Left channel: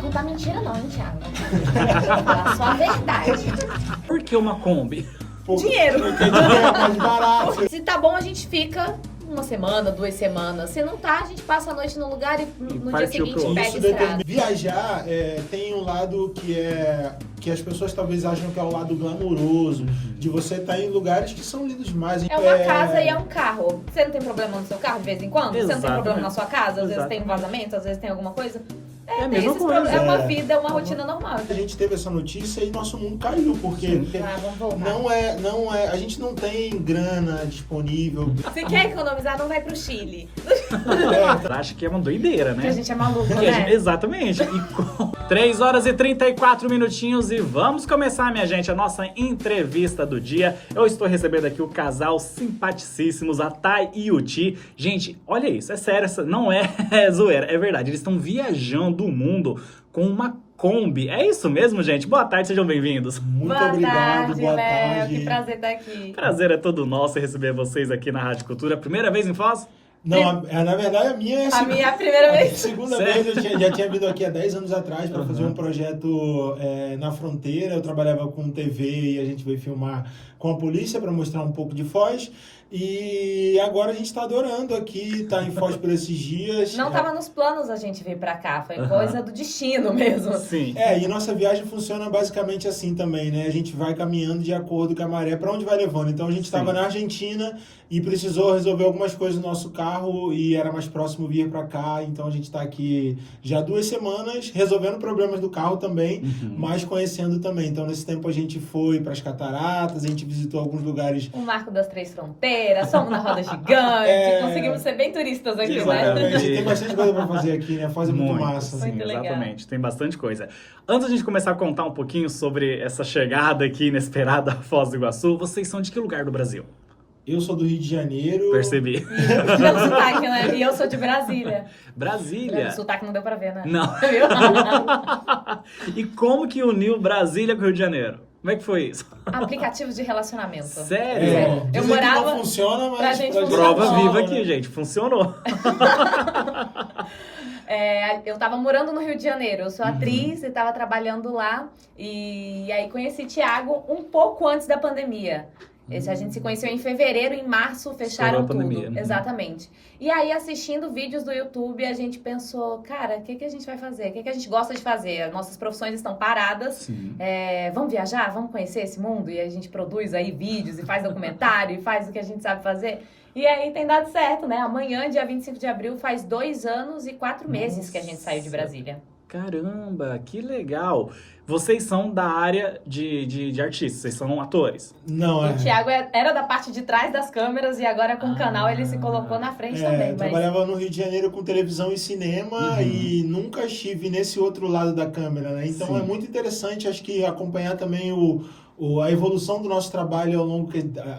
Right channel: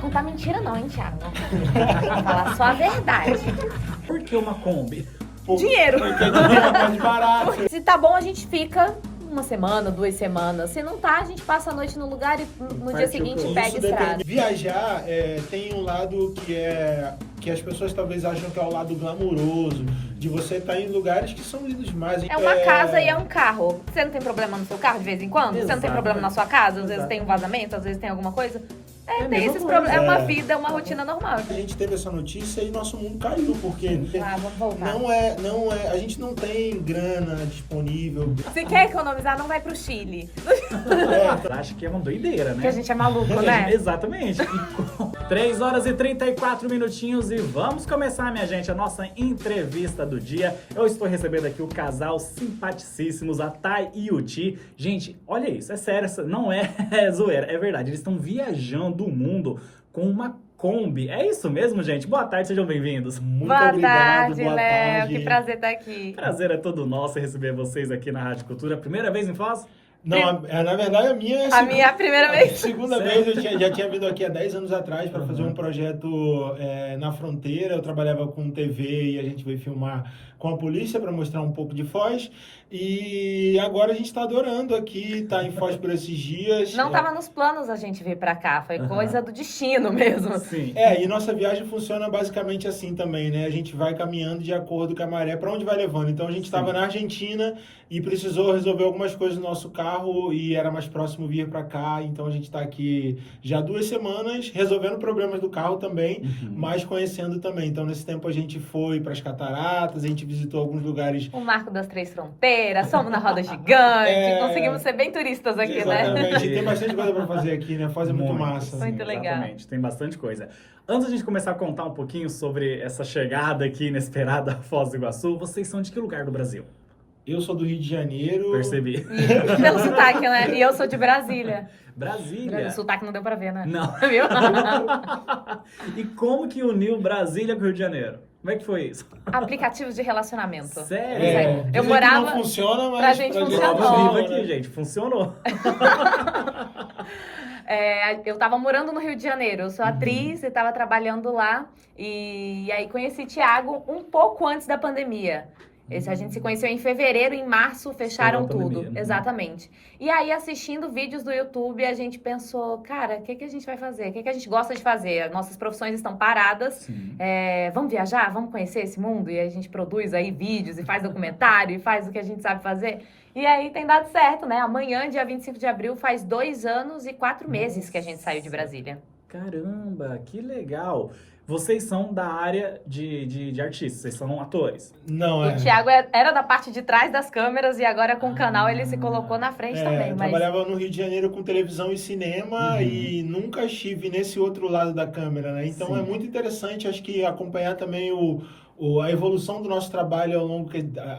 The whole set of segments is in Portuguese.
Vai contar mentira não, hein, Thiago? Vou falar só a verdade. Por que uma Kombi? Dinheiro. Porque dinheiro é mais barato. Se tá bom, a gente fica uma semana, 2 semanas. Se não tá, a gente passa a noite no lugar e no dia partiu seguinte pro- pega Isso estrada. depende. Viajar tem um lado que as pessoas talvez acham que é o lado glamouroso, de você estar em lugares que são lindos demais. É uma casa e é um carro. Você não tem problema no seu carro de vez em quando? Você não tem Exato. problema na sua casa? Às vezes Exato. tem um vazamento, às vezes tem alguma coisa. É a Tem mesma esses coisa. problemas. É uma É. vida, uma rotina normal. A gente teve essa notícia e nosso mundo caiu, porque Ah, vamos voltar. não é, a gente não tem grana disponível. Se quer economizar, não vai pro Chile. Acho que é uma doideira, né? Porque a gente é maluco, Que a né? gente- Exatamente. E com 3 horas e 34 minutinhos e vamos começar, minha gente, a nossa entrevista do dia. Eu estou recebendo aqui o casal simpaticíssimos, a Thay e o Ti. Gente, olha isso, é sério, não é zoeira, é verdade. Eles estão viajando o mundo com uma Kombi. É isso mesmo, gente? Boa tarde, sejam bem-vindos. Muito Boa obrigado, tarde, boa Léo. tarde. Que prazer estar aqui. Prazer é todo nosso receber vocês aqui na Rádio Cultura. Primeira vez em Foz? Não, na verdade a minha é A minha é a primeira vez. segunda Sério? vez. Já tinha vindo aqui há 10 anos atrás para fazer um projeto na fronteira. Eu trabalhava com TV e a gente veio filmar com a polícia para mostrar um pouco de Foz. E agora a gente está adorando aqui, tá em Foz por esses dias. Não tava nos planos a gente vir pra cá. Foi Aham. coisa do destino mesmo. Sim. E nossa viagem funciona basicamente assim também, né? A gente vai caminhando de acordo com a maré para onde vai levando. Então a gente estava Sim. na Argentina e precisou resolver algumas coisas no nosso carro e era mais próximo vir para cá. Então a gente está aqui já há 2 semanas resolvendo problemas do carro também, mas conhecendo também. Então nesse tempo a gente foi para as cataratas, a gente visitou alguns lugares. O Marco das Três Fronteiras, somos na roda gigante, conseguimos ser bem turistas aqui, né? Exatamente. Tem bastante coisa para fazer aqui, né? Foz é muito massa. sim, Muito legal. Exatamente, tem bastante coisa. Antes da gente começar a contar um pouquinho sobre essa chegada aqui inesperada a Foz do Iguaçu, vocês são de que lugar do Brasil? Eu sou do Rio de Janeiro. Percebi. Pelo sotaque, né? E eu sou de Brasília. Brasília. O sotaque não deu pra ver, né? Não. Viu? E como que uniu Brasília com o Rio de Janeiro? Como é que foi isso? Aplicativo de relacionamento. Sério? Eu Dizem que morava- não funciona, mas pra gente Prova funcionou. viva aqui, gente. Funcionou. Eu tava morando no Rio de Janeiro, eu sou atriz, eu tava trabalhando lá e aí conheci Thiago um pouco antes da pandemia. A gente se conheceu em fevereiro, em março fecharam Estourou a tudo. pandemia, né? Exatamente. E aí, assistindo vídeos do YouTube, a gente pensou, cara, o que a gente vai fazer? O que a gente gosta de fazer? As nossas profissões estão paradas. Sim. Vamos viajar? Vamos conhecer esse mundo? E a gente produz aí vídeos e faz documentário e faz o que a gente sabe fazer. E aí tem dado certo, né? Amanhã, dia 25 de abril, faz 2 anos e 4 meses que a gente saiu de Brasília. Caramba, que legal. Vocês são da área de artistas, vocês são atores. não O Thiago era da parte de trás das câmeras e agora com o canal ele se colocou na frente também. Eu Mas trabalhava no Rio de Janeiro com televisão e cinema e nunca estive nesse outro lado da câmera, né? Então Sim. é muito interessante, acho que acompanhar também a evolução do nosso trabalho ao longo,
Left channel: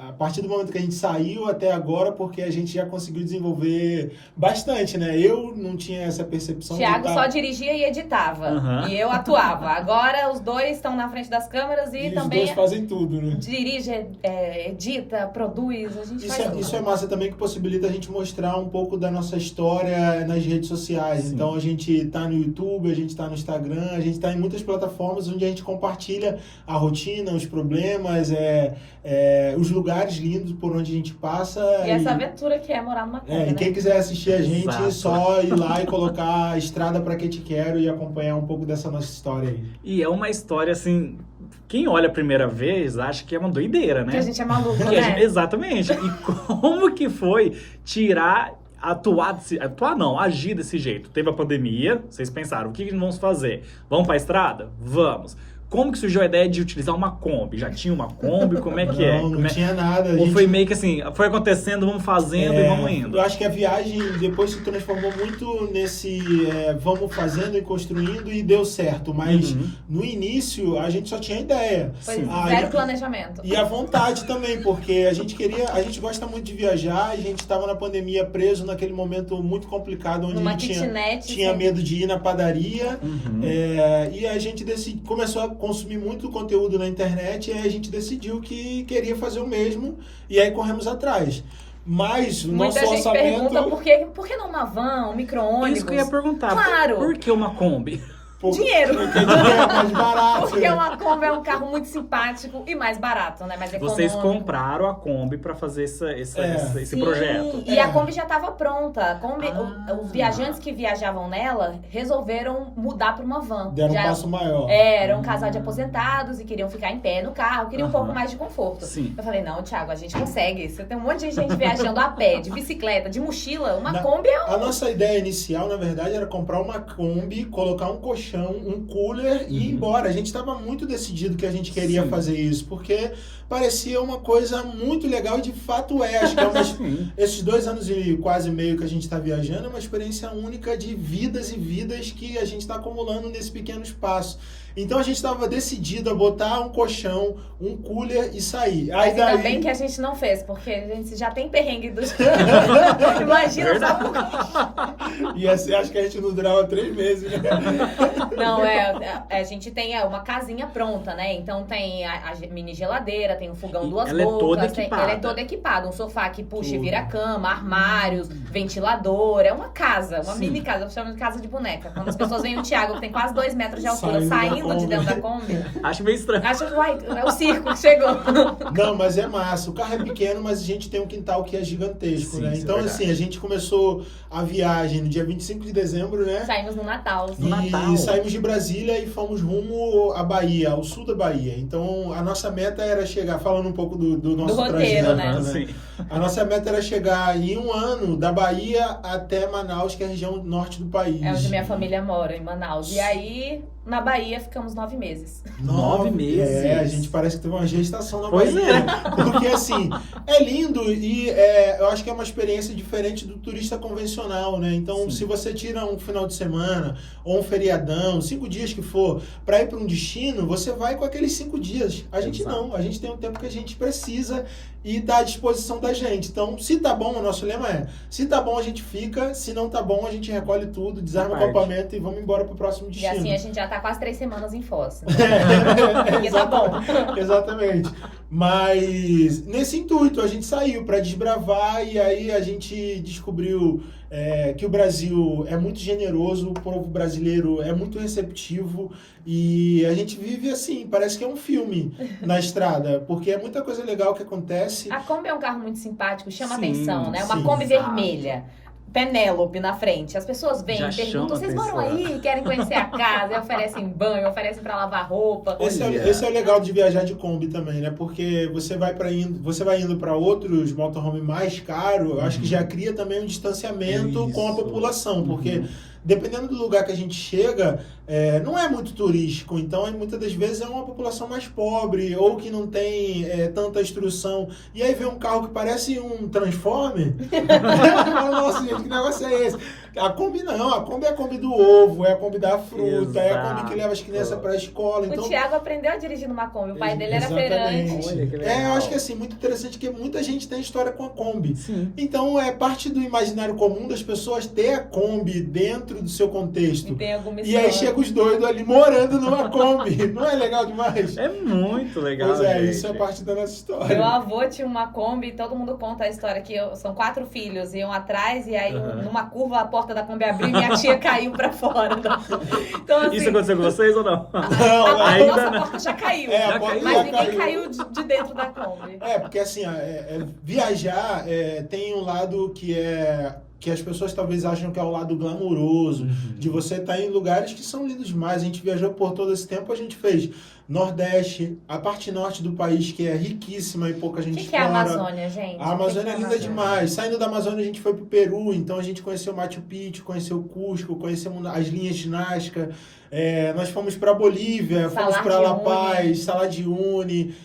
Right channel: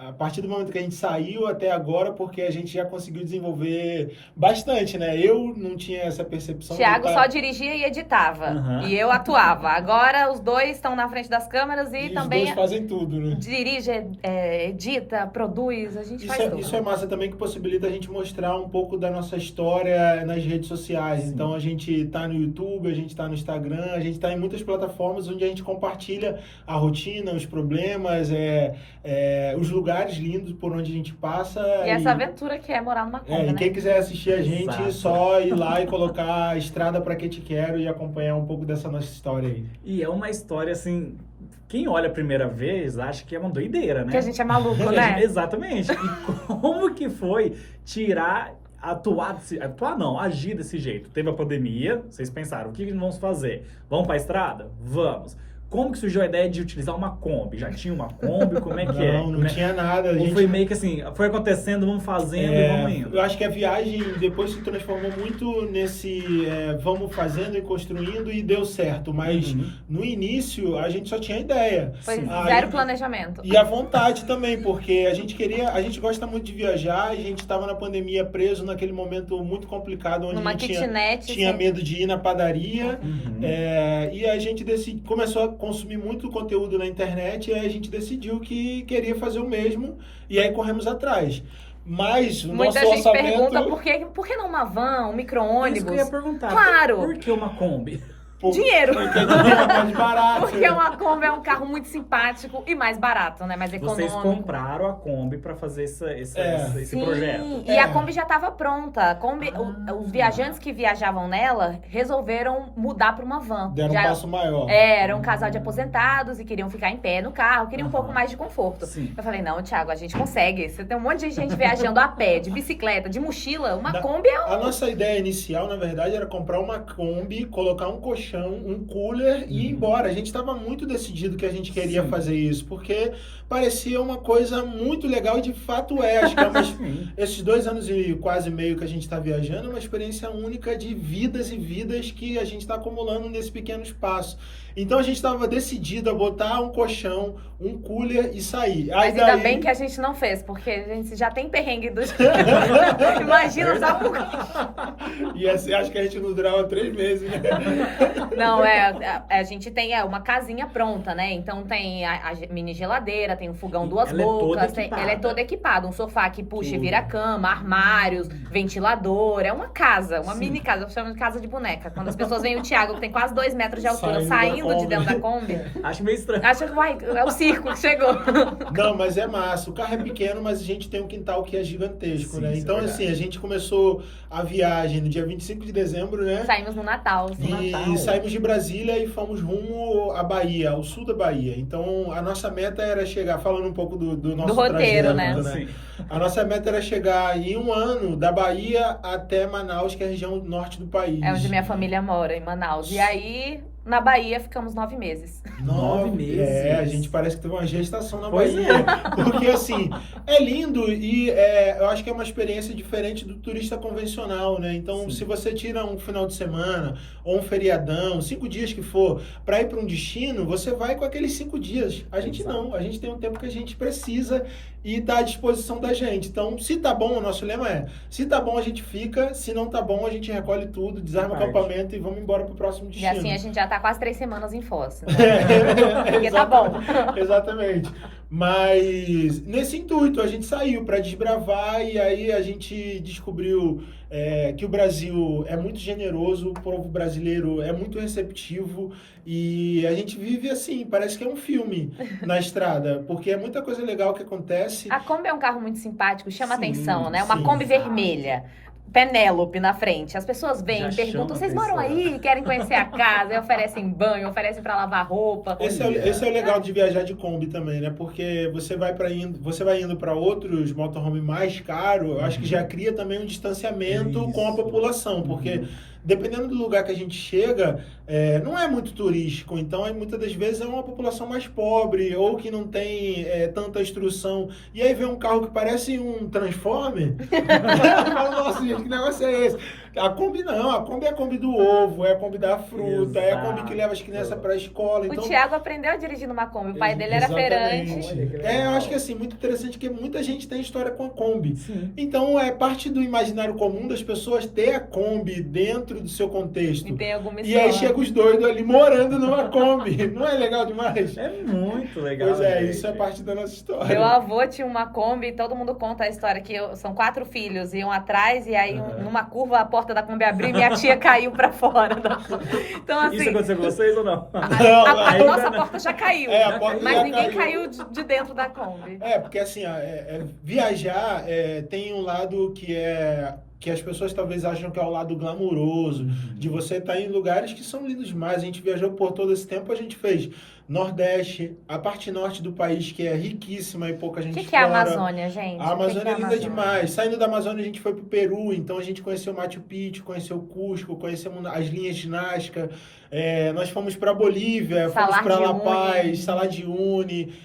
a partir do momento que a gente saiu até agora, porque a gente já conseguiu desenvolver bastante, né? Eu não tinha essa percepção. Thiago de só dirigia e editava. Uhum. E eu atuava. Agora os dois estão na frente das câmeras e os também dois fazem tudo, né? dirige, edita, produz, a gente faz tudo. Isso é massa também, que possibilita a gente mostrar um pouco da nossa história nas redes sociais. Sim. Então a gente tá no YouTube, a gente tá no Instagram, a gente tá em muitas plataformas onde a gente compartilha a rotina, os problemas, os lugares lindos por onde a gente passa. E essa aventura que é morar numa Kombi, e né? quem quiser assistir a gente, Exato. só ir lá e colocar Estrada Pra Que Te Quero e acompanhar um pouco dessa nossa história aí. E é uma história assim. Quem olha a primeira vez acha que é uma doideira, né? Que a gente é maluco, Que a gente- né? exatamente. E como que foi agir desse jeito? Teve a pandemia, vocês pensaram, o que vamos fazer? Vamos pra estrada? Vamos. Como que surgiu a ideia de utilizar uma Kombi? Já tinha uma Kombi? Como é que é? Não Como é- tinha nada. A Ou gente foi meio que assim, foi acontecendo, vamos fazendo e vamos indo? Eu acho que a viagem depois se transformou muito nesse vamos fazendo e construindo e deu certo, mas Uhum. no início a gente só tinha ideia. Foi Sim. zero planejamento. E a vontade também, porque a gente gosta muito de viajar, a gente estava na pandemia preso naquele momento muito complicado, onde Numa a gente kitnet. tinha assim. medo de ir na padaria. Uhum. E a gente começou a consumir muito conteúdo na internet e aí a gente decidiu que queria fazer o mesmo e aí corremos atrás. Mas o Muita nosso gente orçamento... pergunta por que não uma van, um micro-ônibus? Isso que eu ia perguntar. Claro. Por que uma Kombi? dinheiro. Porque é mais barato. Porque uma Kombi é um carro muito simpático e mais barato, né? Mais econômico. Vocês compraram a Kombi pra fazer esse Sim, projeto. e a Kombi já estava pronta. A Kombi, os viajantes que viajavam nela resolveram mudar para uma van. Deram um passo maior. Era um casal de aposentados e queriam ficar em pé no carro, queriam um pouco mais de conforto. Sim. Eu falei, não, Thiago, a gente consegue. Você tem um monte de gente viajando a pé, de bicicleta, de mochila. Uma Kombi é A nossa ideia inicial, na verdade, era comprar uma Kombi, colocar um colchão, um cooler e ir embora. A gente estava muito decidido que a gente queria fazer isso, porque parecia uma coisa muito legal e de fato é. Acho que esses 2 anos e quase meio que a gente está viajando é uma experiência única de vidas e vidas que a gente está acumulando nesse pequeno espaço. Então a gente estava decidido a botar um colchão, um cooler e sair. Mas ainda bem que a gente não fez, porque a gente já tem perrengue dos... Imagina só por... E assim, acho que a gente não durava 3 meses, né? Não, a gente tem uma casinha pronta, né? Então tem a mini geladeira, tem um fogão, 2 bocas. Ela é toda equipada. Um sofá que puxa e vira cama, armários, ventilador. É uma casa, uma mini casa. Eu chamo de casa de boneca. Quando as pessoas veem o Thiago, que tem quase 2 metros de altura, saindo de dentro da Kombi. Acho meio estranho. Acho que é o circo que chegou. Não, mas é massa. O carro é pequeno, mas a gente tem um quintal que é gigantesco, Sim, né? Então, assim, a gente começou a viagem no dia 25 de dezembro, né? Saímos no Natal. E saímos de Brasília e fomos rumo à Bahia, ao sul da Bahia. Então, a nossa meta era chegar, falando um pouco do nosso roteiro, trajeto, né? Sim. A nossa meta era chegar em 1 ano da Bahia até Manaus, que é a região norte do país. É onde minha família mora, em Manaus. E aí, na Bahia, ficamos 9 meses. 9 meses? É, a gente parece que teve uma gestação na Pois Bahia. Porque, assim, é lindo e eu acho que é uma experiência diferente do turista convencional, né? Então, se você tira um final de semana ou um feriadão, 5 dias que for, para ir para um destino, você vai com aqueles 5 dias. A gente não. A gente tem um tempo que a gente precisa e tá à disposição da gente. Então, se tá bom, o nosso lema é, se tá bom a gente fica, se não tá bom a gente recolhe tudo, desarma o acampamento e vamos embora pro próximo E destino. assim a gente já tá quase 3 semanas em Foz. Porque tá bom. Exatamente. Mas nesse intuito a gente saiu para desbravar e aí a gente descobriu que o Brasil é muito generoso, o povo brasileiro é muito receptivo e a gente vive assim, parece que é um filme na estrada, porque é muita coisa legal que acontece. A Kombi é um carro muito simpático, chama Sim, atenção, né? Uma sim, Kombi exato. vermelha. Penélope na frente. As pessoas vêm e perguntam, vocês moram aí? Querem conhecer a casa? E oferecem banho, oferecem pra lavar roupa. Esse é o legal de viajar de Kombi também, né? Porque você vai indo para outros motorhome mais caros, eu acho que já cria também um distanciamento com a população, porque dependendo do lugar que a gente chega, não é muito turístico, então muitas das vezes é uma população mais pobre ou que não tem tanta instrução. E aí vem um carro que parece um Transformer. Nossa, gente, que negócio é esse? A Kombi não, a Kombi é a Kombi do ovo, é a Kombi da fruta, é a Kombi que leva as crianças para a escola. Então, o Thiago aprendeu a dirigir numa Kombi, o pai dele era feirante. Eu acho que assim, muito interessante que muita gente tem história com a Kombi. Sim. Então é parte do imaginário comum das pessoas ter a Kombi dentro do seu contexto. E tem alguma E história. aí chega os doidos ali morando numa Kombi. Não é legal demais? É muito legal. Pois é, gente. isso é parte da nossa história. Meu avô tinha uma Kombi, todo mundo conta a história que são 4 filhos, iam atrás e aí numa curva a porta da Kombi abriu e minha tia caiu pra fora. Então, assim, Isso aconteceu com vocês ou não? a nossa porta já caiu, A porta mas já ninguém caiu de dentro da Kombi. Porque assim, viajar tem um lado que as pessoas talvez acham que é o lado glamuroso, de você estar em lugares que são lindos demais. A gente viajou por todo esse tempo, a gente fez Nordeste, a parte norte do país, que é riquíssima e pouca gente que é a explora. Amazônia, gente? A Amazônia é linda Amazônia? demais. Saindo da Amazônia, a gente foi pro Peru, então a gente conheceu Machu Picchu, conheceu Cusco, conhecemos as linhas de Nazca. Nós fomos para Bolívia, fomos para La Paz, Salar de Uyuni,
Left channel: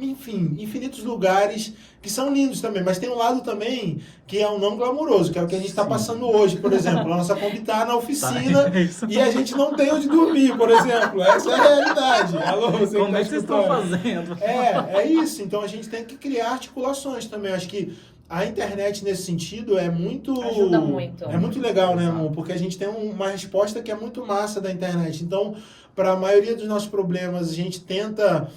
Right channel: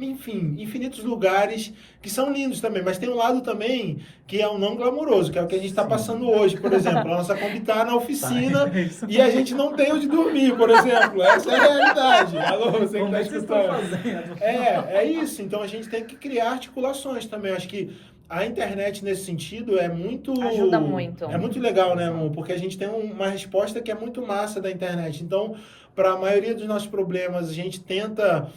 enfim, infinitos lugares que são lindos também, mas tem um lado também que é o não glamuroso, que é o que a gente está passando hoje, por exemplo. A nossa Kombi está na oficina e a gente não tem onde dormir, por exemplo. Essa é a realidade. Alô, você que Como está é que vocês estão escutando? fazendo? É isso. Então a gente tem que criar articulações também. Acho que a internet, nesse sentido, ajuda muito. É muito legal, né, amor? Porque a gente tem uma resposta que é muito massa da internet. Então, para a maioria dos nossos problemas, a gente tenta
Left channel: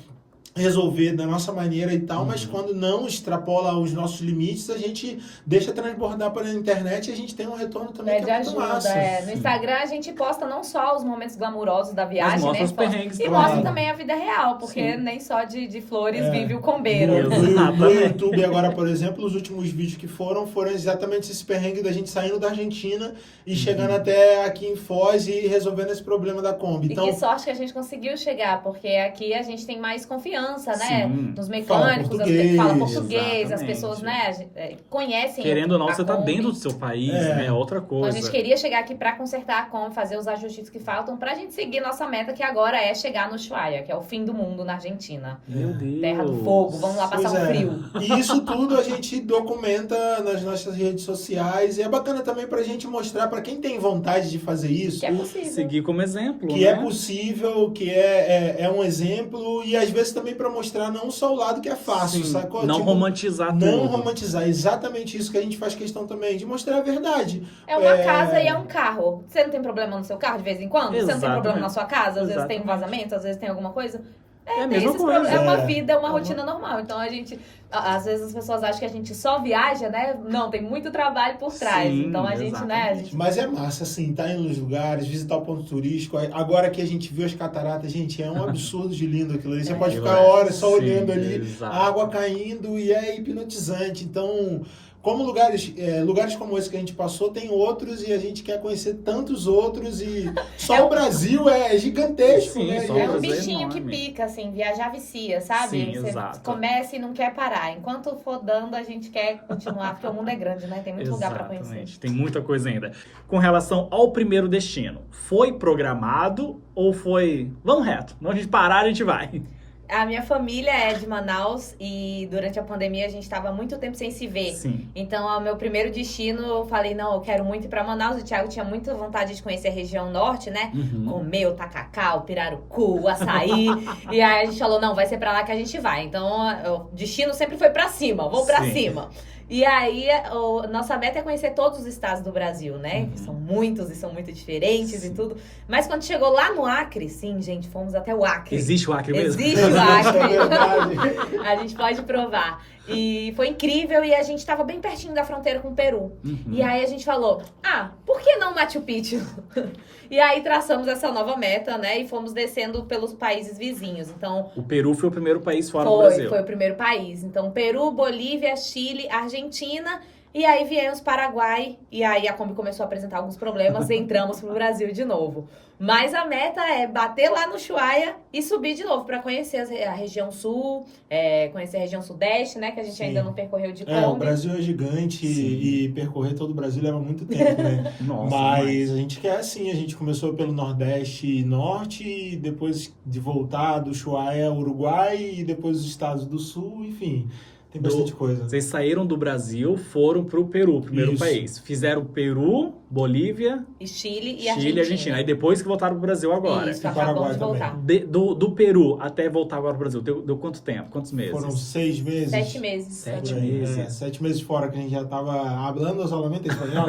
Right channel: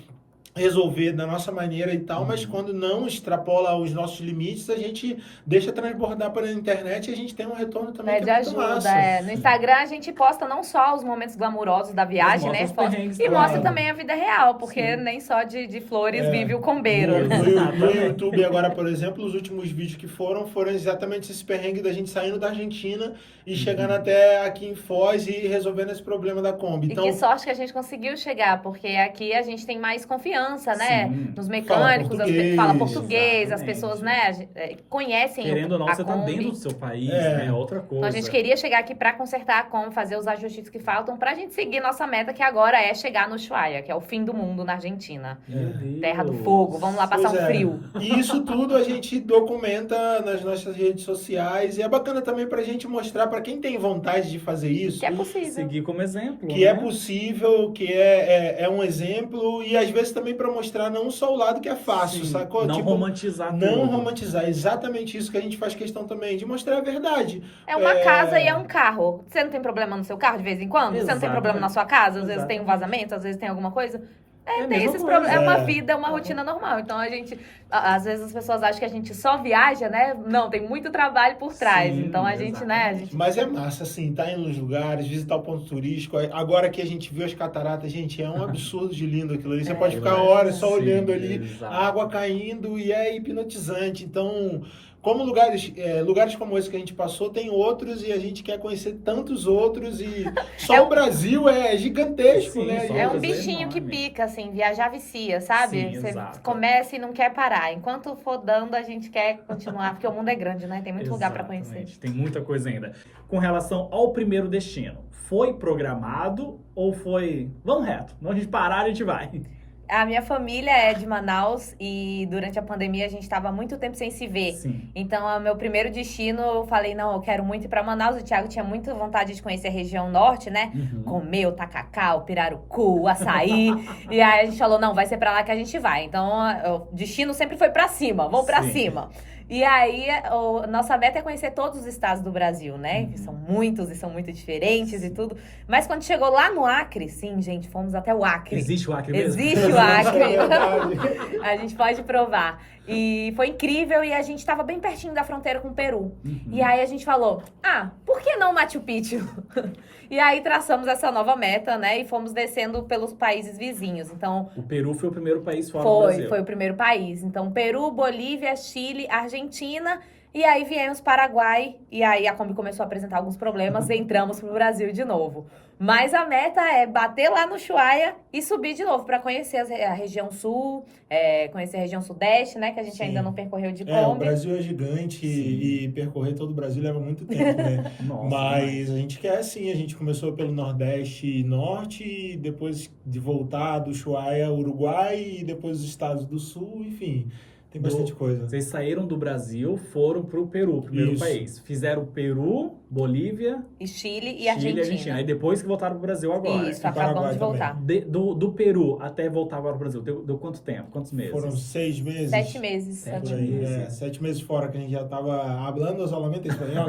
resolver da nossa maneira e tal, mas quando não extrapola os nossos limites, a gente deixa transbordar pela internet e a gente tem um retorno também que Pede é muito ajuda, massa. No Instagram a gente posta não só os momentos glamurosos da viagem, Mas né? mostra os perrengues E também. mostra também a vida real, porque nem só de flores vive o No, combeiro. no YouTube agora, por exemplo, os últimos vídeos que foram exatamente esse perrengue da gente saindo da Argentina e chegando até aqui em Foz e resolvendo esse problema da Kombi. E Então, que sorte que a gente conseguiu chegar, porque aqui a gente tem mais confiança, né? Sim. Nos mecânicos, português, fala português, as exatamente. pessoas, né, conhecem Querendo ou não, a você tá Kombi. dentro do seu país, É. né? É outra Então coisa. a gente queria chegar aqui pra consertar a Kombi, fazer os ajustes que faltam, pra gente seguir nossa meta, que agora é chegar no Ushuaia, que é o fim do mundo na Argentina. Meu Deus. Terra do fogo, vamos lá passar pois um frio. E isso tudo a gente documenta nas nossas redes sociais e é bacana também pra gente mostrar pra quem tem vontade de fazer isso Que é possível. Seguir como exemplo. que né? é possível, que é um exemplo e às vezes também pra mostrar não só o lado que é fácil, Sim. sacou? Não Tipo, romantizar tudo. não romantizar, exatamente isso que a gente faz questão também, de mostrar a verdade. É uma casa e é um carro. Você não tem problema no seu carro de vez em quando? Você não tem Exatamente. problema na sua casa? Às vezes tem um Exatamente. vazamento, às vezes tem alguma coisa. É a Tem mesma esses coisa. problemas. É uma É. vida, uma rotina normal. Então a gente. Às vezes as pessoas acham que a gente só viaja, né? Não, tem muito trabalho por trás. Sim, Então a gente, né? A exatamente. gente Mas é massa, assim, tá indo nos lugares, visitar o ponto turístico. Agora que a gente viu as cataratas, gente, é um absurdo de lindo aquilo ali. Você pode ficar horas só Sim, olhando ali, exato. a água caindo e é hipnotizante. Então, como lugares como esse que a gente passou, tem outros e a gente quer conhecer tantos outros e só o Brasil é gigantesco, Sim, né? só é Coisa um bichinho que enorme. pica, assim, viajar vicia, sabe? Sim, Você exato. começa e não quer parar. Enquanto for dando, a gente quer continuar, porque o mundo é grande, né? Tem muito lugar pra conhecer. Exatamente. Tem muita coisa ainda. Com relação ao primeiro destino, foi programado ou foi... Vamos reto. Não a gente parar, a gente vai. A minha família é de Manaus e durante a pandemia a gente estava muito tempo sem se ver. Sim. Então, o meu primeiro destino, eu falei, não, eu quero muito ir pra Manaus. O Thiago tinha muita vontade de conhecer a região norte, né? Uhum. Comer o tacacá, o pirarucu, o açaí. E aí a gente falou, não, vai ser pra lá que a gente vai. Então, o destino sempre foi pra cima, vou pra Sim. cima. E aí, nossa meta é conhecer todos os estados do Brasil, né? Que são muitos e são muito diferentes e tudo. Mas quando chegou lá no Acre, sim, gente, fomos até o Acre. Existe o Acre mesmo? Existe o Acre. É verdade. A gente pode provar. E foi incrível e a gente tava bem pertinho da fronteira com o Peru. Uhum. E aí a gente falou, por que não Machu Picchu? E aí traçamos essa nova meta, né? E fomos descendo pelos países vizinhos. Então, O Peru foi o primeiro país fora do Brasil. foi o primeiro país. Então, Peru, Bolívia, Chile, Argentina. E aí viemos Paraguai. E aí a Kombi começou a apresentar alguns problemas e entramos pro Brasil de novo. Mas a meta é bater lá no Ushuaia e subir de novo para conhecer a região sul, conhecer a região sudeste, né? Que a gente Sim. ainda não percorreu de O Kombi. Brasil é gigante Sim. e percorrer todo o Brasil leva muito tempo, né? Nossa, Mas a gente quer assim, a gente começou pelo Nordeste e Norte, e depois de voltar do Ushuaia, Uruguai, e depois os estados do Sul, enfim, tem bastante coisa. Vocês saíram do Brasil, foram pro Peru, primeiro Isso. país. Fizeram Peru, Bolívia, E Chile e Chile Argentina. e Argentina. Aí depois que voltaram pro Brasil agora. Isso, E acabamos Paraguai de voltar. Do Peru até voltar agora pro Brasil, deu quanto tempo? Quantos meses? Foram 6 meses. 7 meses. Sete Por aí, meses. 7 meses fora, que a gente já tava hablando solamente espanhol.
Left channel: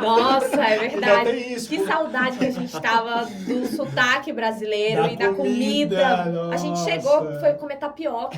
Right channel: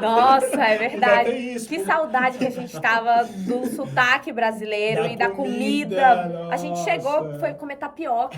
Nossa, é Ainda verdade. tem isso, Que pô. saudade que a gente tava do sotaque brasileiro Da e da comida, comida. A gente nossa. chegou, foi comer tapioca.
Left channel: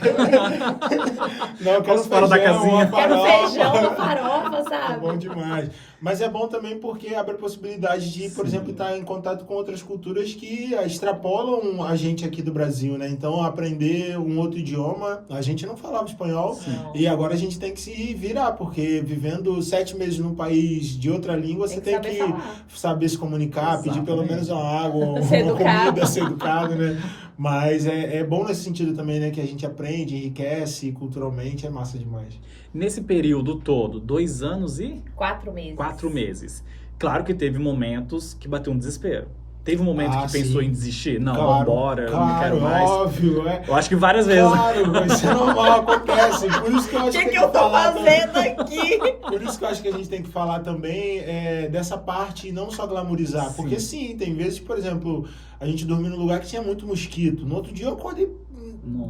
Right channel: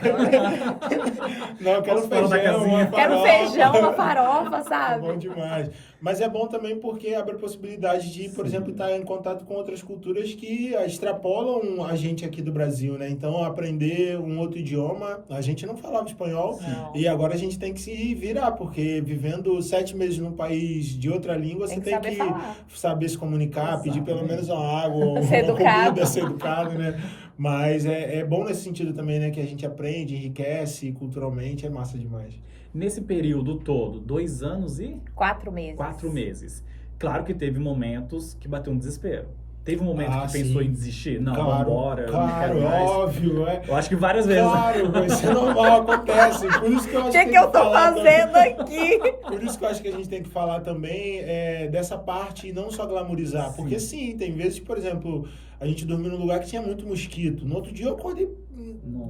Não, eu quero Vamos falar da feijão, casinha. uma Quero farofa. feijão, uma farofa, É sabe? bom demais. Mas é bom também porque abre a possibilidade de, por Sim. exemplo, estar em contato com outras culturas que extrapolam a gente aqui do Brasil, né? Então, aprender um outro idioma, a gente não falava espanhol Não. e agora a gente tem que se virar, porque vivendo 7 meses num país de outra língua, você tem saber que falar. saber se comunicar, pedir pelo Exatamente. menos uma água, uma Ser educado. comida, ser educado, né? Mas é bom nesse sentido também, né? Que a gente aprende, enriquece culturalmente, é massa demais. Nesse período todo, 2 anos e 4 meses. 4 meses. Claro que teve momentos que bateu um desespero. Teve um momento Ah, que pensou sim. em desistir? Não, Claro, vambora, eu não claro, quero mais. óbvio, é. Eu acho que várias vezes. Claro, isso é normal, acontece. Por isso que eu acho O que tem eu tô falar também. fazendo aqui? Por isso que eu acho que a gente tem que falar também dessa parte e não só glamorizar. Sim. Porque sim, tem vezes, por exemplo, a gente dormiu num lugar que tinha muito mosquito. No outro dia eu acordei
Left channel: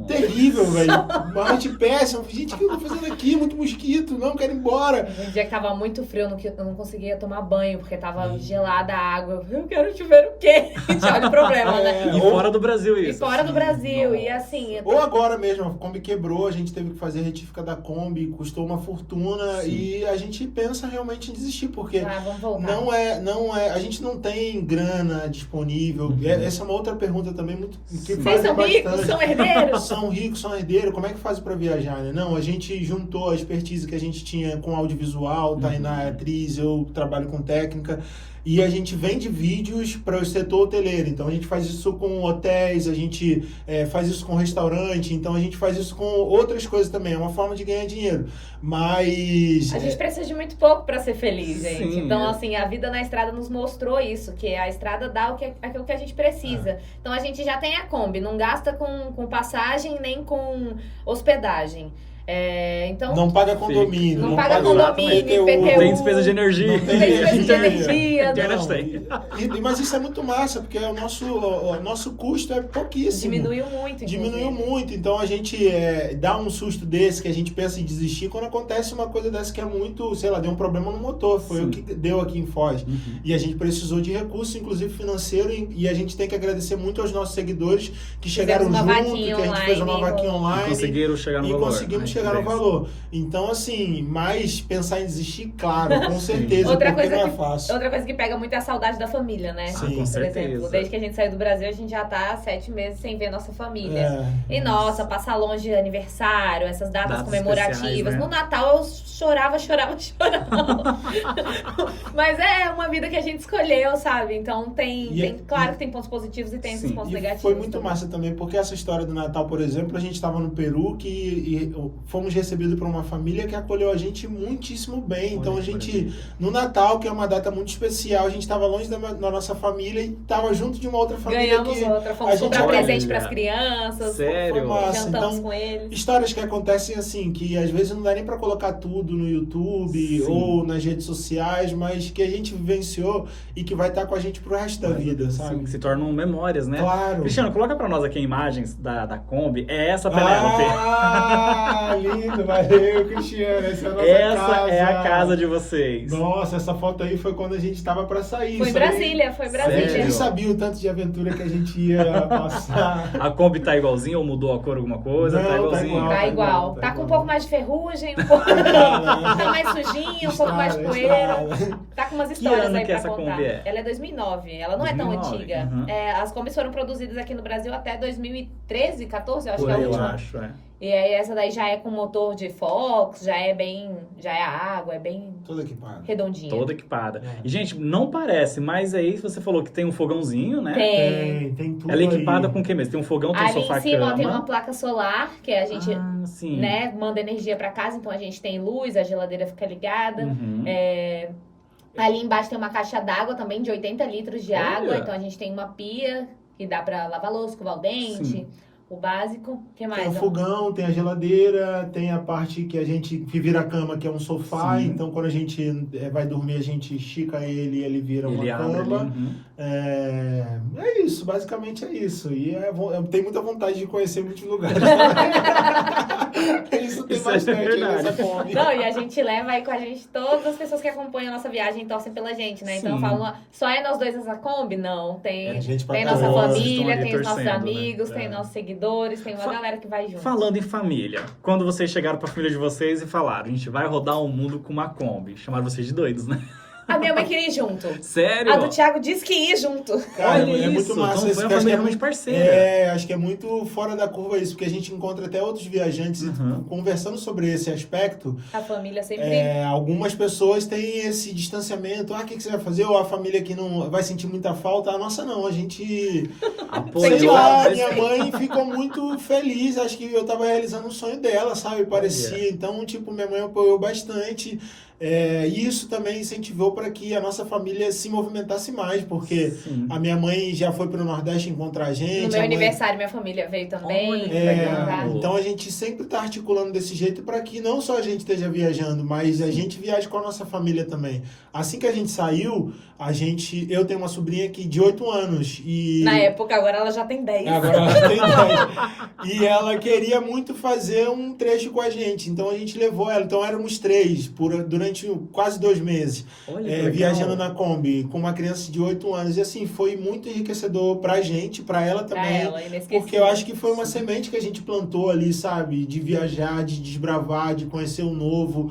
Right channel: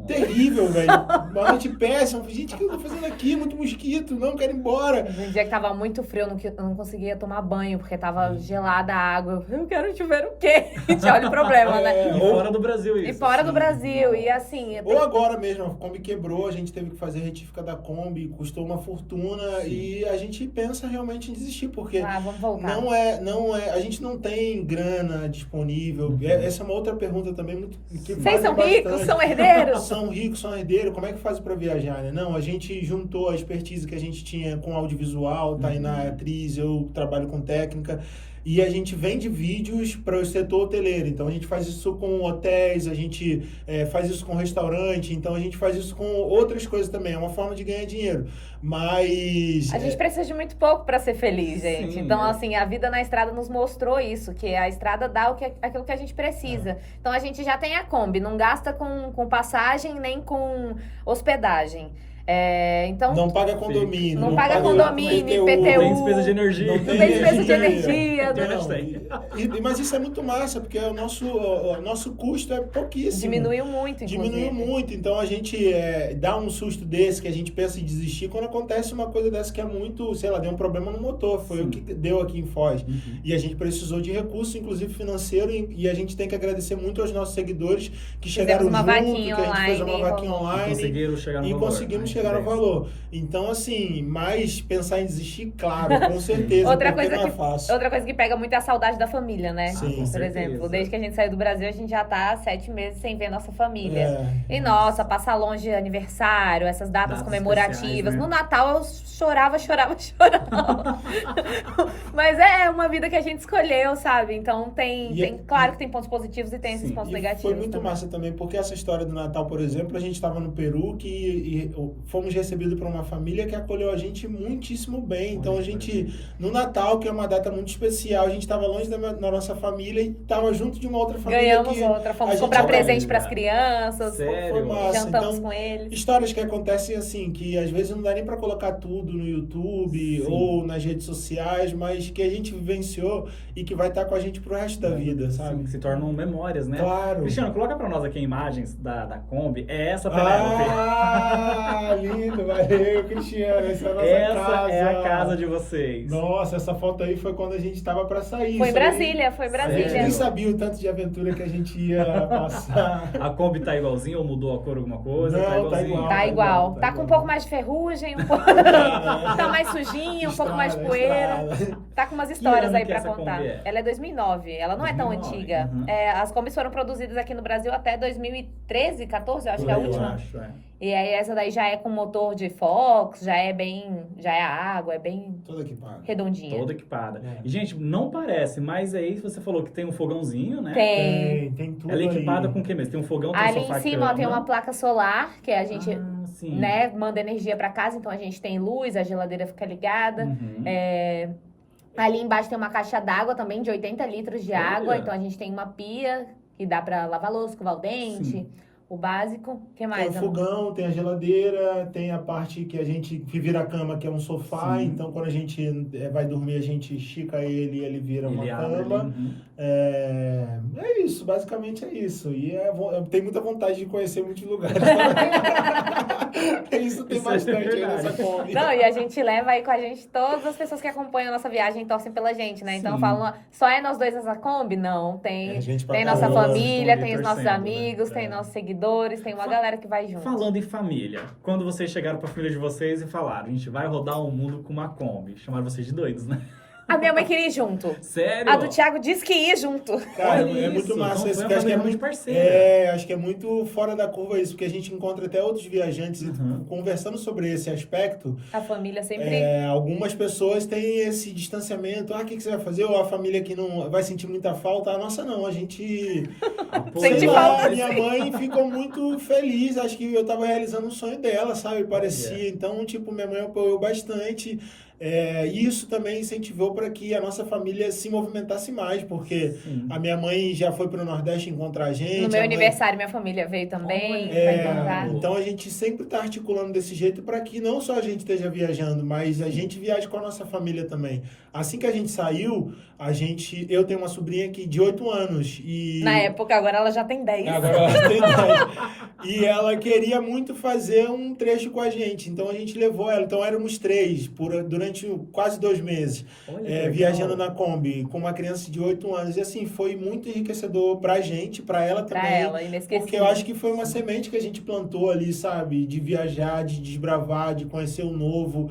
terrível, velho. Uma noite péssima. Gente, o que eu tô fazendo aqui? Muito mosquito, não quero ir embora. Um dia que tava muito frio, eu não conseguia tomar banho, porque tava gelada a água. Eu quero chuveiro quente, olha o problema, né? E fora do Brasil isso. E fora do assim, Brasil, não. e assim... Ou agora mesmo, a Kombi quebrou, a gente teve que fazer retífica da Kombi, custou uma fortuna. Sim. E a gente pensa realmente em desistir, porque vamos voltar. não é, a gente não tem grana disponível. Essa é uma outra pergunta também muito que Vocês fazem são ricos, bastante. são herdeiros? São ricos, são herdeiros, como é que faz pra viajar, né? Não, a gente juntou a expertise que a gente tinha com audiovisual, Tainá é atriz, eu trabalho com técnica, e a gente vende vídeos para o setor hoteleiro. Então a gente faz isso com hotéis, a gente faz isso com restaurante, então a gente faz isso com outras coisas também, é uma forma de ganhar dinheiro. Mas... A gente precisa de muito pouco para ser feliz, gente. Sim, Então, assim, a vida na estrada nos mostrou isso, que a estrada dá aquilo que a gente precisa. Então, a gente já tem a Kombi, não gasta com passagem nem com hospedagem. Então, não paga condomínio. Não paga condomínio, IPTU. Não tem despesa de energia. Não tem despesa de energia. Mas isso é muito massa, porque o nosso custo é pouquíssimo. Diminuiu muito, inclusive. Diminuiu muito. Então a gente dá um susto desse, que a gente pensa em desistir, quando acontece uma coisa dessa que é muito, sei lá, deu um problema no motor. Foi o que deu aqui em Foz. E a gente precisou de recurso, inclusive financeiro, e a gente tem que agradecer muito aos nossos seguidores que chegaram junto, que a gente fez uma vaquinha online. Conseguiram chegar no valor. Conseguimos chegar ao valor. Então, assim, mas pensar em desistir, claro, com certeza, outra porque coisa não é fácil. Outra coisa que pega muito é a saudade da família, né? Sim, por certeza. exemplo, desde que a gente saiu do Brasil, a gente já tá 7 meses sem ver nossa família. E nossa, passar longe de aniversário, essas datas comemorativas. Né? No Natal eu chorava. Mas é uma vida que a gente escolheu, sabe? Então claro que tem pontos positivos e tem esses pontos negativos. Foi muito massa também, porque essa história do Natal, por exemplo, a gente estava no Peru e fomos recebidos por uma família que acolheu a gente muitíssimo bem. Então a gente, no Natal, que é uma data muito especial, a gente estava longe da nossa família e estava junto de uma outra família. Ganhamos outra, fomos comprar presente para as crianças. Sério? Foi massa. Jantamos Então, com eles. Histórias que acontecem assim, que às vezes não dá nem para colocar tudo no YouTube ou nas redes sociais, mas que a gente vivenciou e que vai estar com a gente pro resto da vida, sabe? Sim, se tornam memórias, né? Claro. Cristiano, coloca pra nós aqui imagens da Kombi. É essa Penélope. Ah, lindo, valeu, Cristiano. Essa é a nossa casa. Essa é a casa de vocês. Nossa, essa foto aí foi quando a gente tava pra sair. Foi em Brasília. A gente nem sabia o tanto de aventura que a gente ia passar. A Kombi tá igualzinha ou mudou a cor alguma coisa? Não, tá igualzinho. Tá igual. Tá com um pouco mais de ferrugem, um pouco... tá mais sujinho, um pouco mais de poeira. Tá com umas histórias aí pra contar. Ela é 2009, ela não é tão antiga. As Kombis foram produzidas aqui no Brasil até 2013, 14, eu acho que é a última. Eu acho, E aí essa daí já é com motor de Fox, já é a água, é bem toda equipada. Redondinha. Toda equipada. E, gente, não parece, mas aí você falou que tem um fogãozinho, né? Tem tudo. Ela é equipada aí. com o que mesmo? Tem um fogão, tem um Ali sofá, em cima cama. tem uma placa solar, que a gente sim. manda energia pra casa, então a gente tem luz, a geladeira fica ligada. Uhum. Ali embaixo tem uma caixa d'água também de 80 litros de água, Olha. então a gente tem uma pia que dá pra lavar louça, escovar o dente. Sim. O básico, o que mais? Tem o fogão, tem a geladeira, tem a parte que a gente vira a cama, que é um sofá. Sim. Então, quando a gente vai dormir, a gente estica ele e ele vira uma cama. Uhum. É isso, basicamente é isso. E eu tenho muita vontade de conhecer muitos lugares. Isso tem Isso é bastante aí verdade. nessa Kombi. Não, e a gente leva aí com a gente todas as pessoas que acompanham a nossa viagem e torcem pela gente, né? Então Sim. falam, só é nós dois nessa Kombi? Não, tem gente pra nossa caramba, família, estão ali tem os nossos torcendo, amigos, né? tem nossos seguidores, tem uma galera que vai junto. Falando em família, quando vocês chegaram pra família de vocês e falaram, a gente vai rodar o mundo com uma Kombi, chamaram vocês de doidos, né? A minha mãe queria ir junto. Sério? A do Thiago disse que ia junto. Cara, Olha é muito isso, massa então esse foi uma que acho que família é muito muito parceira. acho que é muito fora da curva isso, porque a gente encontra até outros viajantes conversando sobre esse aspecto. A família sempre... Algumas pessoas têm esse distanciamento. O que você vai fazer? Ou a família que não vai sentir muita falta. A nossa não, a gente... Sente falta, minha mãe ficou muito feliz. Acho que eu tava realizando um sonho dela, sabe? Parecia. Então, minha mãe apoiou bastante. E isso também incentivou para que a nossa família se movimentasse mais, porque a minha mãe já foi para o Nordeste encontrar a gente. No meu aniversário, minha família veio também. Então a gente sempre está articulando desse jeito para que não só a gente esteja viajando, mas a gente viaje com a nossa família também. Assim que a gente saiu, eu tenho uma sobrinha de 8 anos e... Na época, agora ela já tem 10. Agora ela tem 10. E ela queria muito fazer um trecho com a gente, então a gente levou ela. Então éramos 3 durante quase 2 meses, viajando na Kombi, com uma criança de 8 anos. E assim, foi muito enriquecedor pra gente, pra ela também. Pra ela, inesquecível. Porque eu acho que foi uma semente que a gente plantou ali, sabe? De viajar, de desbravar, de conhecer o novo,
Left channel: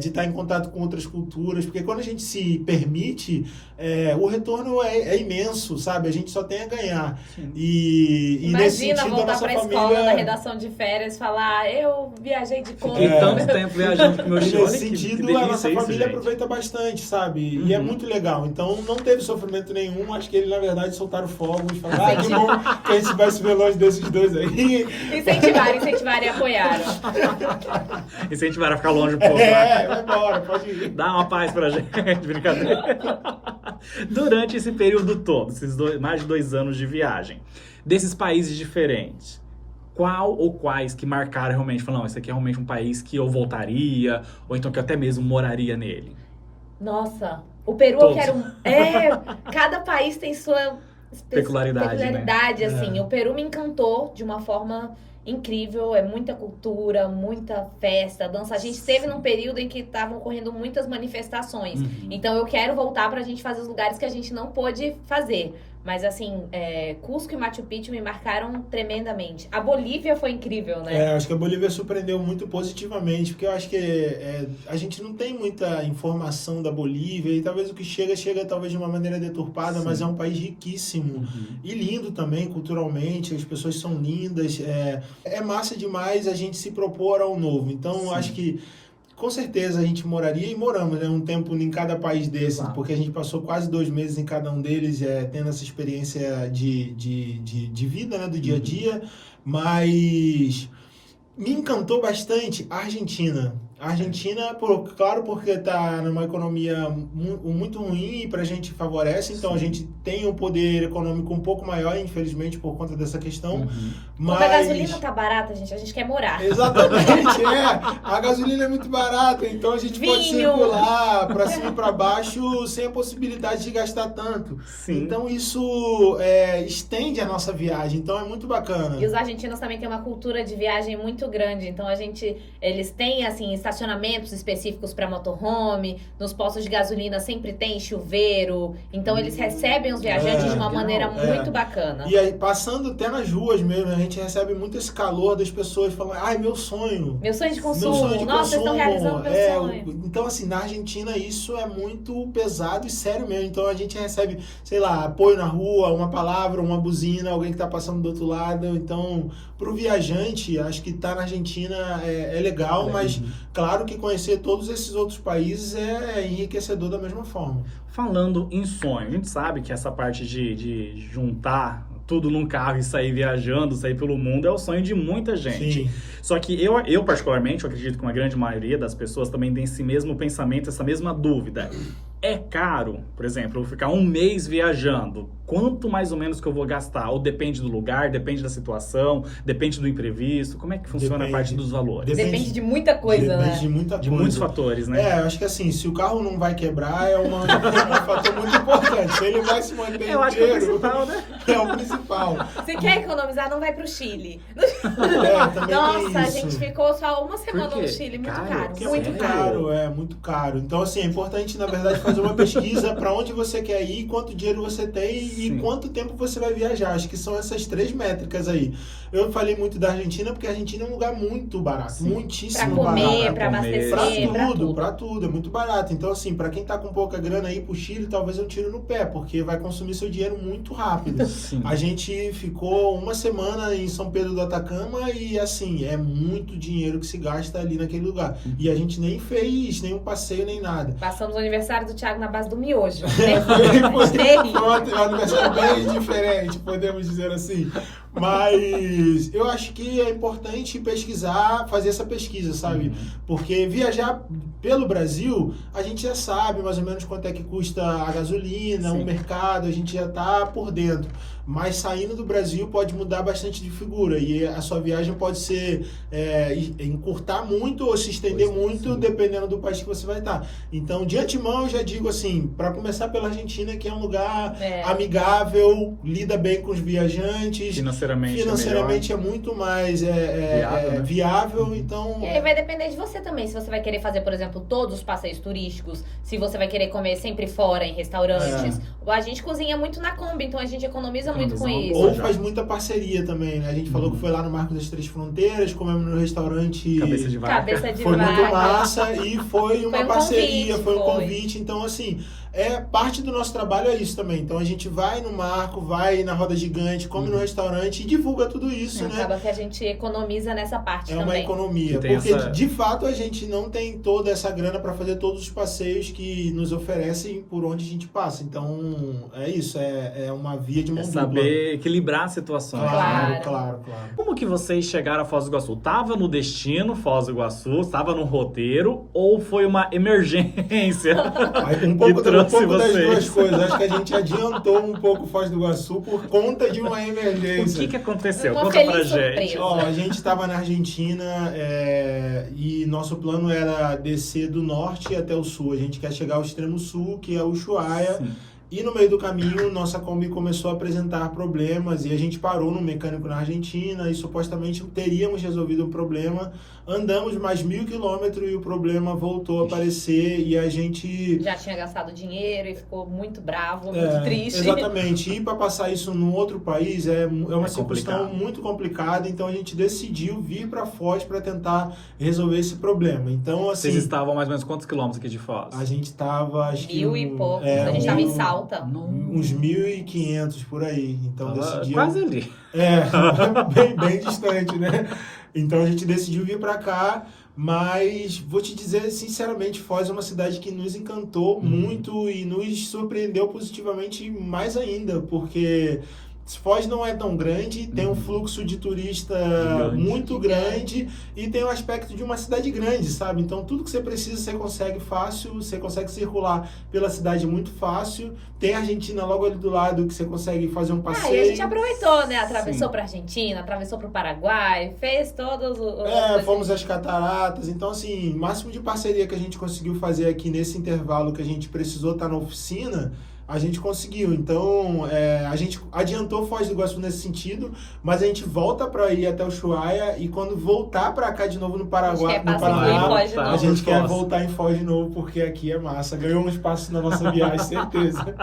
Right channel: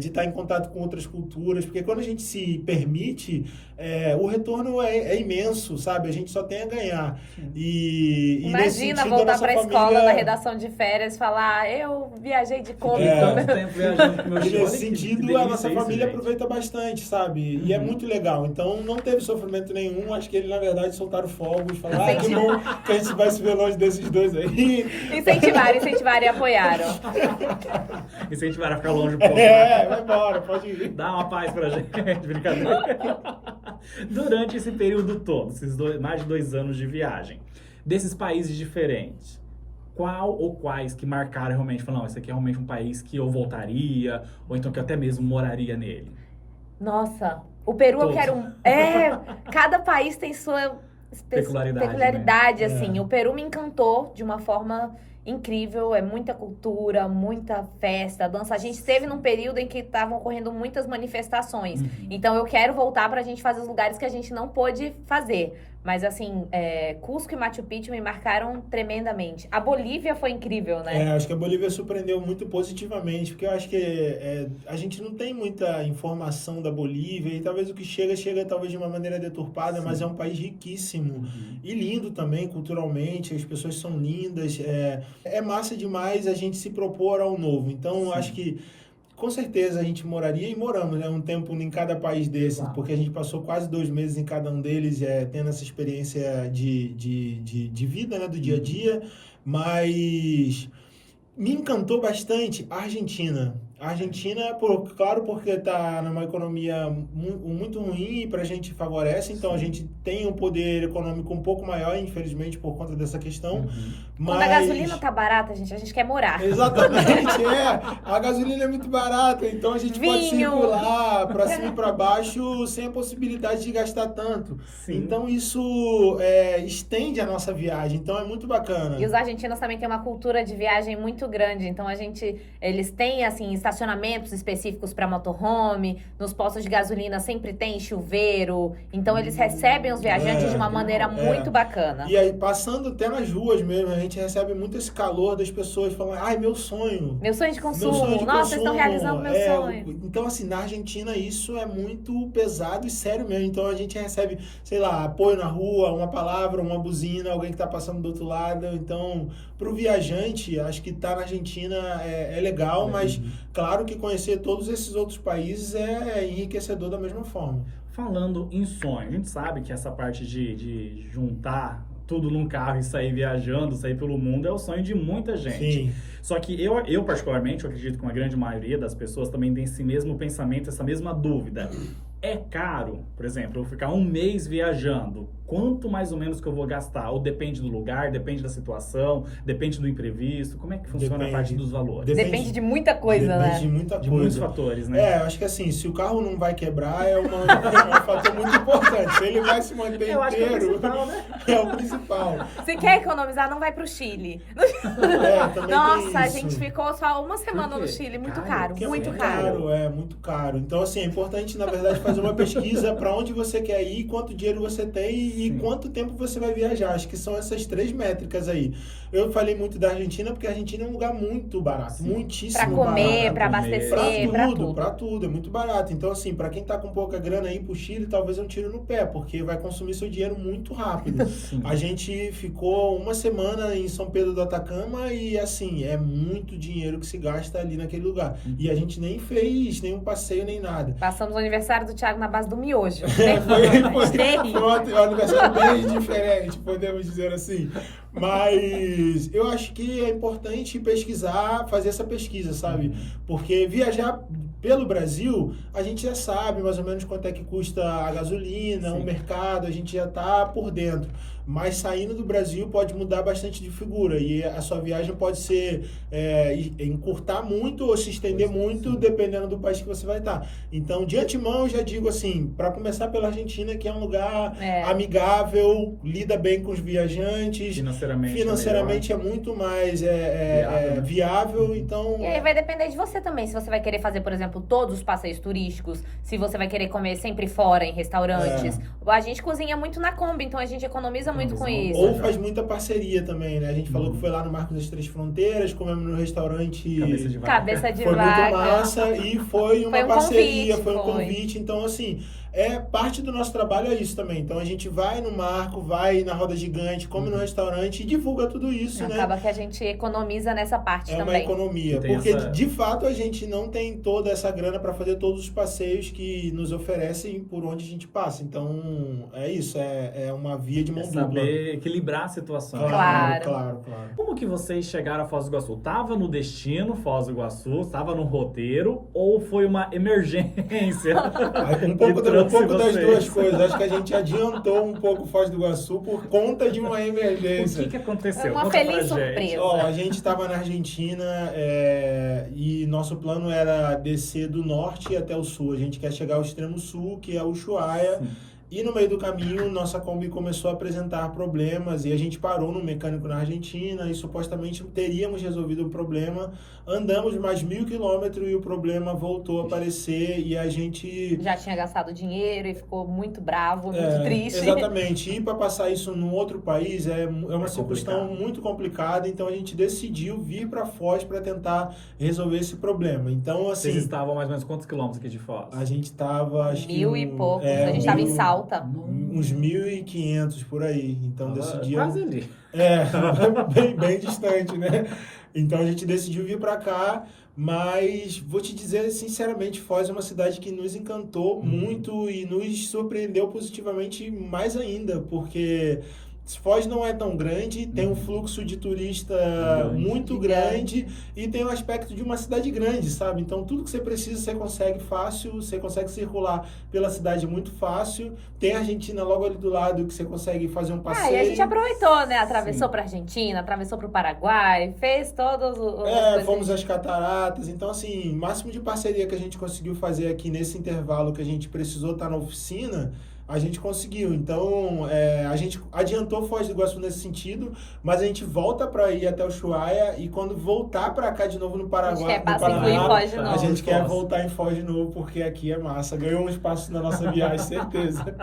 de estar em contato com outras culturas. Porque quando a gente se permite, o retorno é imenso, sabe? A gente só tem a ganhar. Imagina voltar pra escola na redação de férias e falar, eu viajei de Kombi. Tanto tempo viajando com meus filhos. Nesse sentido, a nossa família aproveita bastante, sabe? E é muito legal. Então, não teve sofrimento nenhum. Acho que eles, na verdade, soltaram fogos. Falaram, que bom que a gente vai se ver longe desses dois aí. Incentivaram e apoiaram. Incentivaram a ficar longe um pouco. Vai embora, pode ir. Dá uma paz pra gente, brincadeira. Durante esse período todo, esses mais de 2 anos de viagem, desses países diferentes, qual ou quais que marcaram realmente? Falaram, não, esse aqui é realmente um país que eu voltaria, ou então que eu até mesmo moraria nele? Nossa, o Peru Todos. eu quero... cada país tem sua peculiaridade, né? assim. O Peru me encantou de uma forma incrível, é muita cultura, muita festa, dança. A gente esteve num período em que estavam ocorrendo muitas manifestações. Então eu quero voltar pra gente fazer os lugares que a gente não pôde fazer. Mas assim, Cusco e Machu Picchu me marcaram tremendamente. A Bolívia foi incrível, né? Acho que a Bolívia surpreendeu muito positivamente, porque eu acho que a gente não tem muita informação da Bolívia e talvez o que chega talvez de uma maneira deturpada, mas é um país riquíssimo e lindo também culturalmente, as pessoas são lindas, é massa demais a gente se propor ao novo. Então, acho que com certeza a gente moraria e moramos, né? Um tempo em cada país desses, porque a gente passou quase 2 meses em cada um deles, tendo essa experiência de vida, né? Do dia a dia. Mas me encantou bastante a Argentina. A Argentina, claro, porque está numa economia muito ruim e para a gente favorece, então a gente tem um poder econômico um pouco maior, infelizmente, por conta dessa questão. Mas... Quando a gasolina tá barata, a gente quer morar. Exatamente, a gasolina é muito barata, então a gente pode circular para cima e para baixo sem a possibilidade de gastar tanto. Sim. Então isso estende a nossa viagem, então é muito bacana. E os argentinos também têm uma cultura de viagem muito grande, então eles têm, assim, estacionamentos específicos para motorhome, nos postos de gasolina sempre tem chuveiro, então eles recebem os viajantes de uma maneira muito bacana. E aí, passando até nas ruas mesmo, a gente recebe muito esse calor das pessoas falando, ai, meu sonho. Meu sonho de consumo. Nossa, vocês estão realizando meu sonho. Então, assim, na Argentina isso é muito pesado e sério mesmo. Então a gente recebe, sei lá, apoio na rua, uma palavra, uma buzina, alguém que tá passando do outro lado. Então, pro viajante, acho que tá na Argentina é legal, mas claro que conhecer todos esses outros países é enriquecedor da mesma forma. Falando em sonho, a gente sabe que essa parte de juntar tudo num carro e sair viajando, sair pelo mundo, é o sonho de muita gente. Sim. Só que eu particularmente, eu acredito que uma grande maioria das pessoas também tem esse mesmo pensamento, essa mesma dúvida. É caro, por exemplo, eu ficar 1 mês viajando, quanto mais ou menos que eu vou gastar? Ou depende do lugar, depende da situação, depende do imprevisto? Como é que funciona a parte dos valores? Depende de muita coisa, né? Depende de muita coisa. De muitos fatores, né? Acho que assim, se o carro não vai quebrar, é um fator muito importante. Se ele vai se manter inteiro, acho que é o principal, né? É o principal. Se quer economizar, não vai pro Chile. Também Nossa, tem a isso. gente ficou só uma semana no Chile, muito caro, Porque muito é muito caro. caro, muito caro. Então, assim, é importante, na verdade, fazer uma pesquisa para onde você quer ir, quanto dinheiro você tem e quanto tempo você vai viajar. Acho que são essas 3 métricas aí. Eu falei muito da Argentina, porque a Argentina é um lugar muito barato, muitíssimo pra comer, barato. pra abastecer, Pra tudo, é muito barato. Então, assim, pra quem tá com pouca grana aí pro Chile, talvez eu tiro no pé, porque vai consumir seu dinheiro muito rápido. A gente ficou 1 semana em São Pedro do Atacama e, assim, é muito dinheiro que se gasta ali naquele lugar. E a gente nem fez nenhum passeio, nem nada. Passamos o aniversário do Thiago na base do miojo. Foi um aniversário bem diferente, podemos dizer assim. Mas eu acho que é importante pesquisar, fazer essa pesquisa, sabe? Porque viajar pelo Brasil, a gente já sabe mais ou menos quanto é que custa a gasolina, Sim. o mercado, a gente já tá por dentro. Mas saindo do Brasil pode mudar bastante de figura e a sua viagem pode ser encurtar muito ou se estender muito, dependendo do país que você vai estar. Então, de antemão, eu já digo assim, para começar pela Argentina, que é um lugar amigável, lida bem com os viajantes, financeiramente é muito mais viável, então... E aí vai depender de você também, se você vai querer fazer, por exemplo, todos os passeios turísticos, se você vai querer comer sempre fora, em restaurantes. A gente cozinha muito na Kombi, então a gente economiza muito com isso. Ou faz muita parceria também, né? A gente falou que foi lá no Marco das Três Fronteiras, comemos no restaurante Cabeça de foi Vaca. muito massa e foi uma parceria, foi um foi. convite. Então, assim, parte do nosso trabalho é isso também. Então, a gente vai no Marco, vai na Roda Gigante, come no restaurante e divulga tudo isso, né? Acaba que a gente economiza nessa parte É também. uma economia, porque de fato a gente não tem toda essa grana para fazer todos os passeios que nos oferecem por onde a gente passa. Então, é isso, é uma via de mão dupla. Saber equilibrar a situação. Claro. Como que vocês chegaram a Foz do Iguaçu? Tava no destino Foz do Iguaçu? Estava no roteiro? Ou foi uma emergência? Um pouco das duas coisas. Acho que a gente adiantou um pouco Foz do Iguaçu por conta de uma emergência. O que aconteceu? Uma Conta feliz pra gente. surpresa. A gente estava na Argentina e nosso plano era descer do norte até o sul. A gente quer chegar ao extremo sul, que é Ushuaia. Sim. E no meio do caminho, nossa Kombi começou a apresentar problemas e a gente parou no mecânico na Argentina e supostamente teríamos resolvido o problema. Andamos mais 1.000 quilômetros e o problema voltou a aparecer e a gente... Já tinha gastado dinheiro e ficou muito bravo, muito triste. Exatamente. E para passar isso num outro país é uma situação muito complicada, então a gente decidiu vir para Foz para tentar resolver esse problema. Então, assim... Vocês estavam mais ou menos quantos quilômetros aqui de Foz? A gente estava... 1.000 e poucos. A gente estava em Salta. Uns 1.500 por aí. Então decidimos... Quase ali. Bem distante, né? Então a gente decidiu vir para cá, mas vou te dizer sinceramente, Foz é uma cidade que nos encantou muito e nos surpreendeu positivamente mais ainda, porque Foz não é tão grande, tem um fluxo de turista muito grande e tem um aspecto de uma cidade grande, sabe? Então tudo que você precisa você consegue fácil, você consegue circular pela cidade muito fácil. Tem a Argentina logo ali do lado que você consegue fazer um passeio. E a gente aproveitou, né? Atravessou para Argentina, atravessou para o Paraguai, fez todos os... fomos às cataratas. Então, assim, o máximo de parceria que a gente conseguiu fazer aqui nesse intervalo que a gente precisou estar na oficina, a gente conseguiu. Então, a gente adiantou Foz do Iguaçu nesse sentido, mas a gente volta para ir até o Ushuaia e quando voltar para cá de novo no Paraguai, a gente quer voltar em Foz de novo, porque aqui é massa. Ganhou um espaço na nossa viagem, certeza.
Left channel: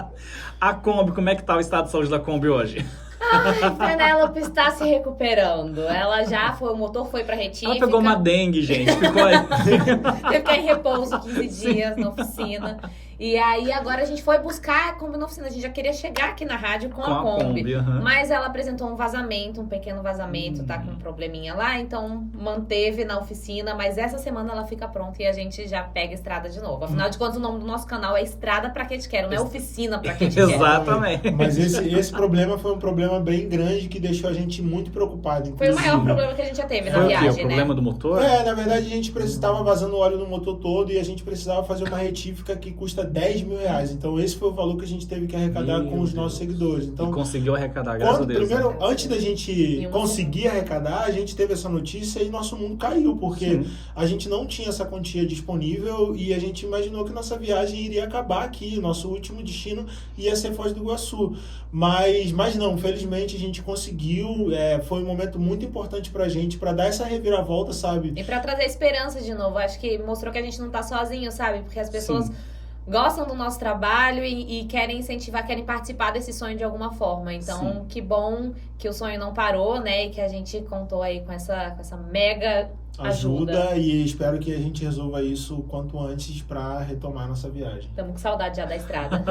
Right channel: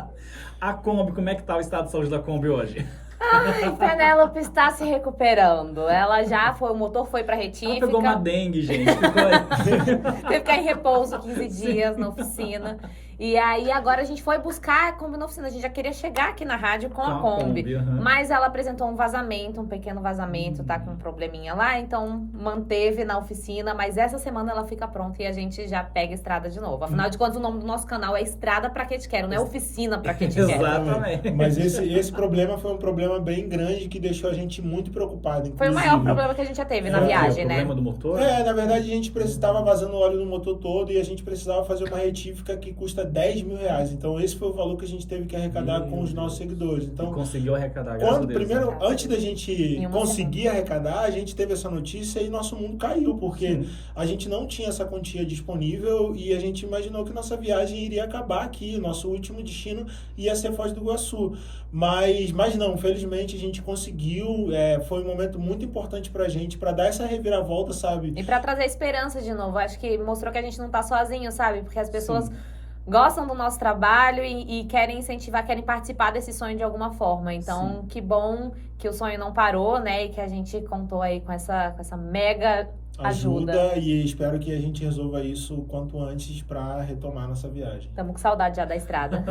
A Kombi, como é que tá o estado de saúde da Kombi hoje? Ai, Penélope está se recuperando. Ela já foi, o motor foi pra retífica. Ela pegou uma dengue, gente. Ficou aí. Teve que ficar em repouso 15 dias na oficina. E aí agora a gente foi buscar a Kombi na oficina. A gente já queria chegar aqui na rádio com a Kombi. Mas ela apresentou um vazamento, um pequeno vazamento, tá com um probleminha lá. Então manteve na oficina. Mas essa semana ela fica pronta e a gente já pega a estrada de novo. Afinal de contas, o nome do nosso canal é Estrada Pra Que Te Quero, não é Oficina Pra Que Te Quero. Exatamente. Mas esse problema foi um problema bem grande que deixou a gente muito preocupado. Inclusive. Foi o maior problema que a gente já teve na viagem, né? O problema do motor? Na verdade a gente estava vazando óleo no motor todo e a gente precisava fazer uma retífica que custa 10 mil reais. Então esse foi o valor que a gente teve que arrecadar com os nossos seguidores. Então, e conseguiu arrecadar, graças a Deus. Primeiro, antes da gente conseguir arrecadar, a gente teve essa notícia e nosso mundo caiu, porque a gente não tinha essa quantia disponível e a gente imaginou que nossa viagem iria acabar aqui. Nosso último destino ia ser Foz do Iguaçu. Mas não, felizmente a gente conseguiu, foi um momento muito importante pra gente, pra dar essa reviravolta, sabe? E pra trazer esperança de novo, acho que mostrou que a gente não tá sozinho, sabe? Porque as pessoas gostam do nosso trabalho e querem incentivar, querem participar desse sonho de alguma forma. Então, que bom que o sonho não parou, né? E que a gente contou aí com essa mega Ajuda. e espero que a gente resolva isso o quanto antes para retomar nossa viagem. Estamos com saudade já da estrada.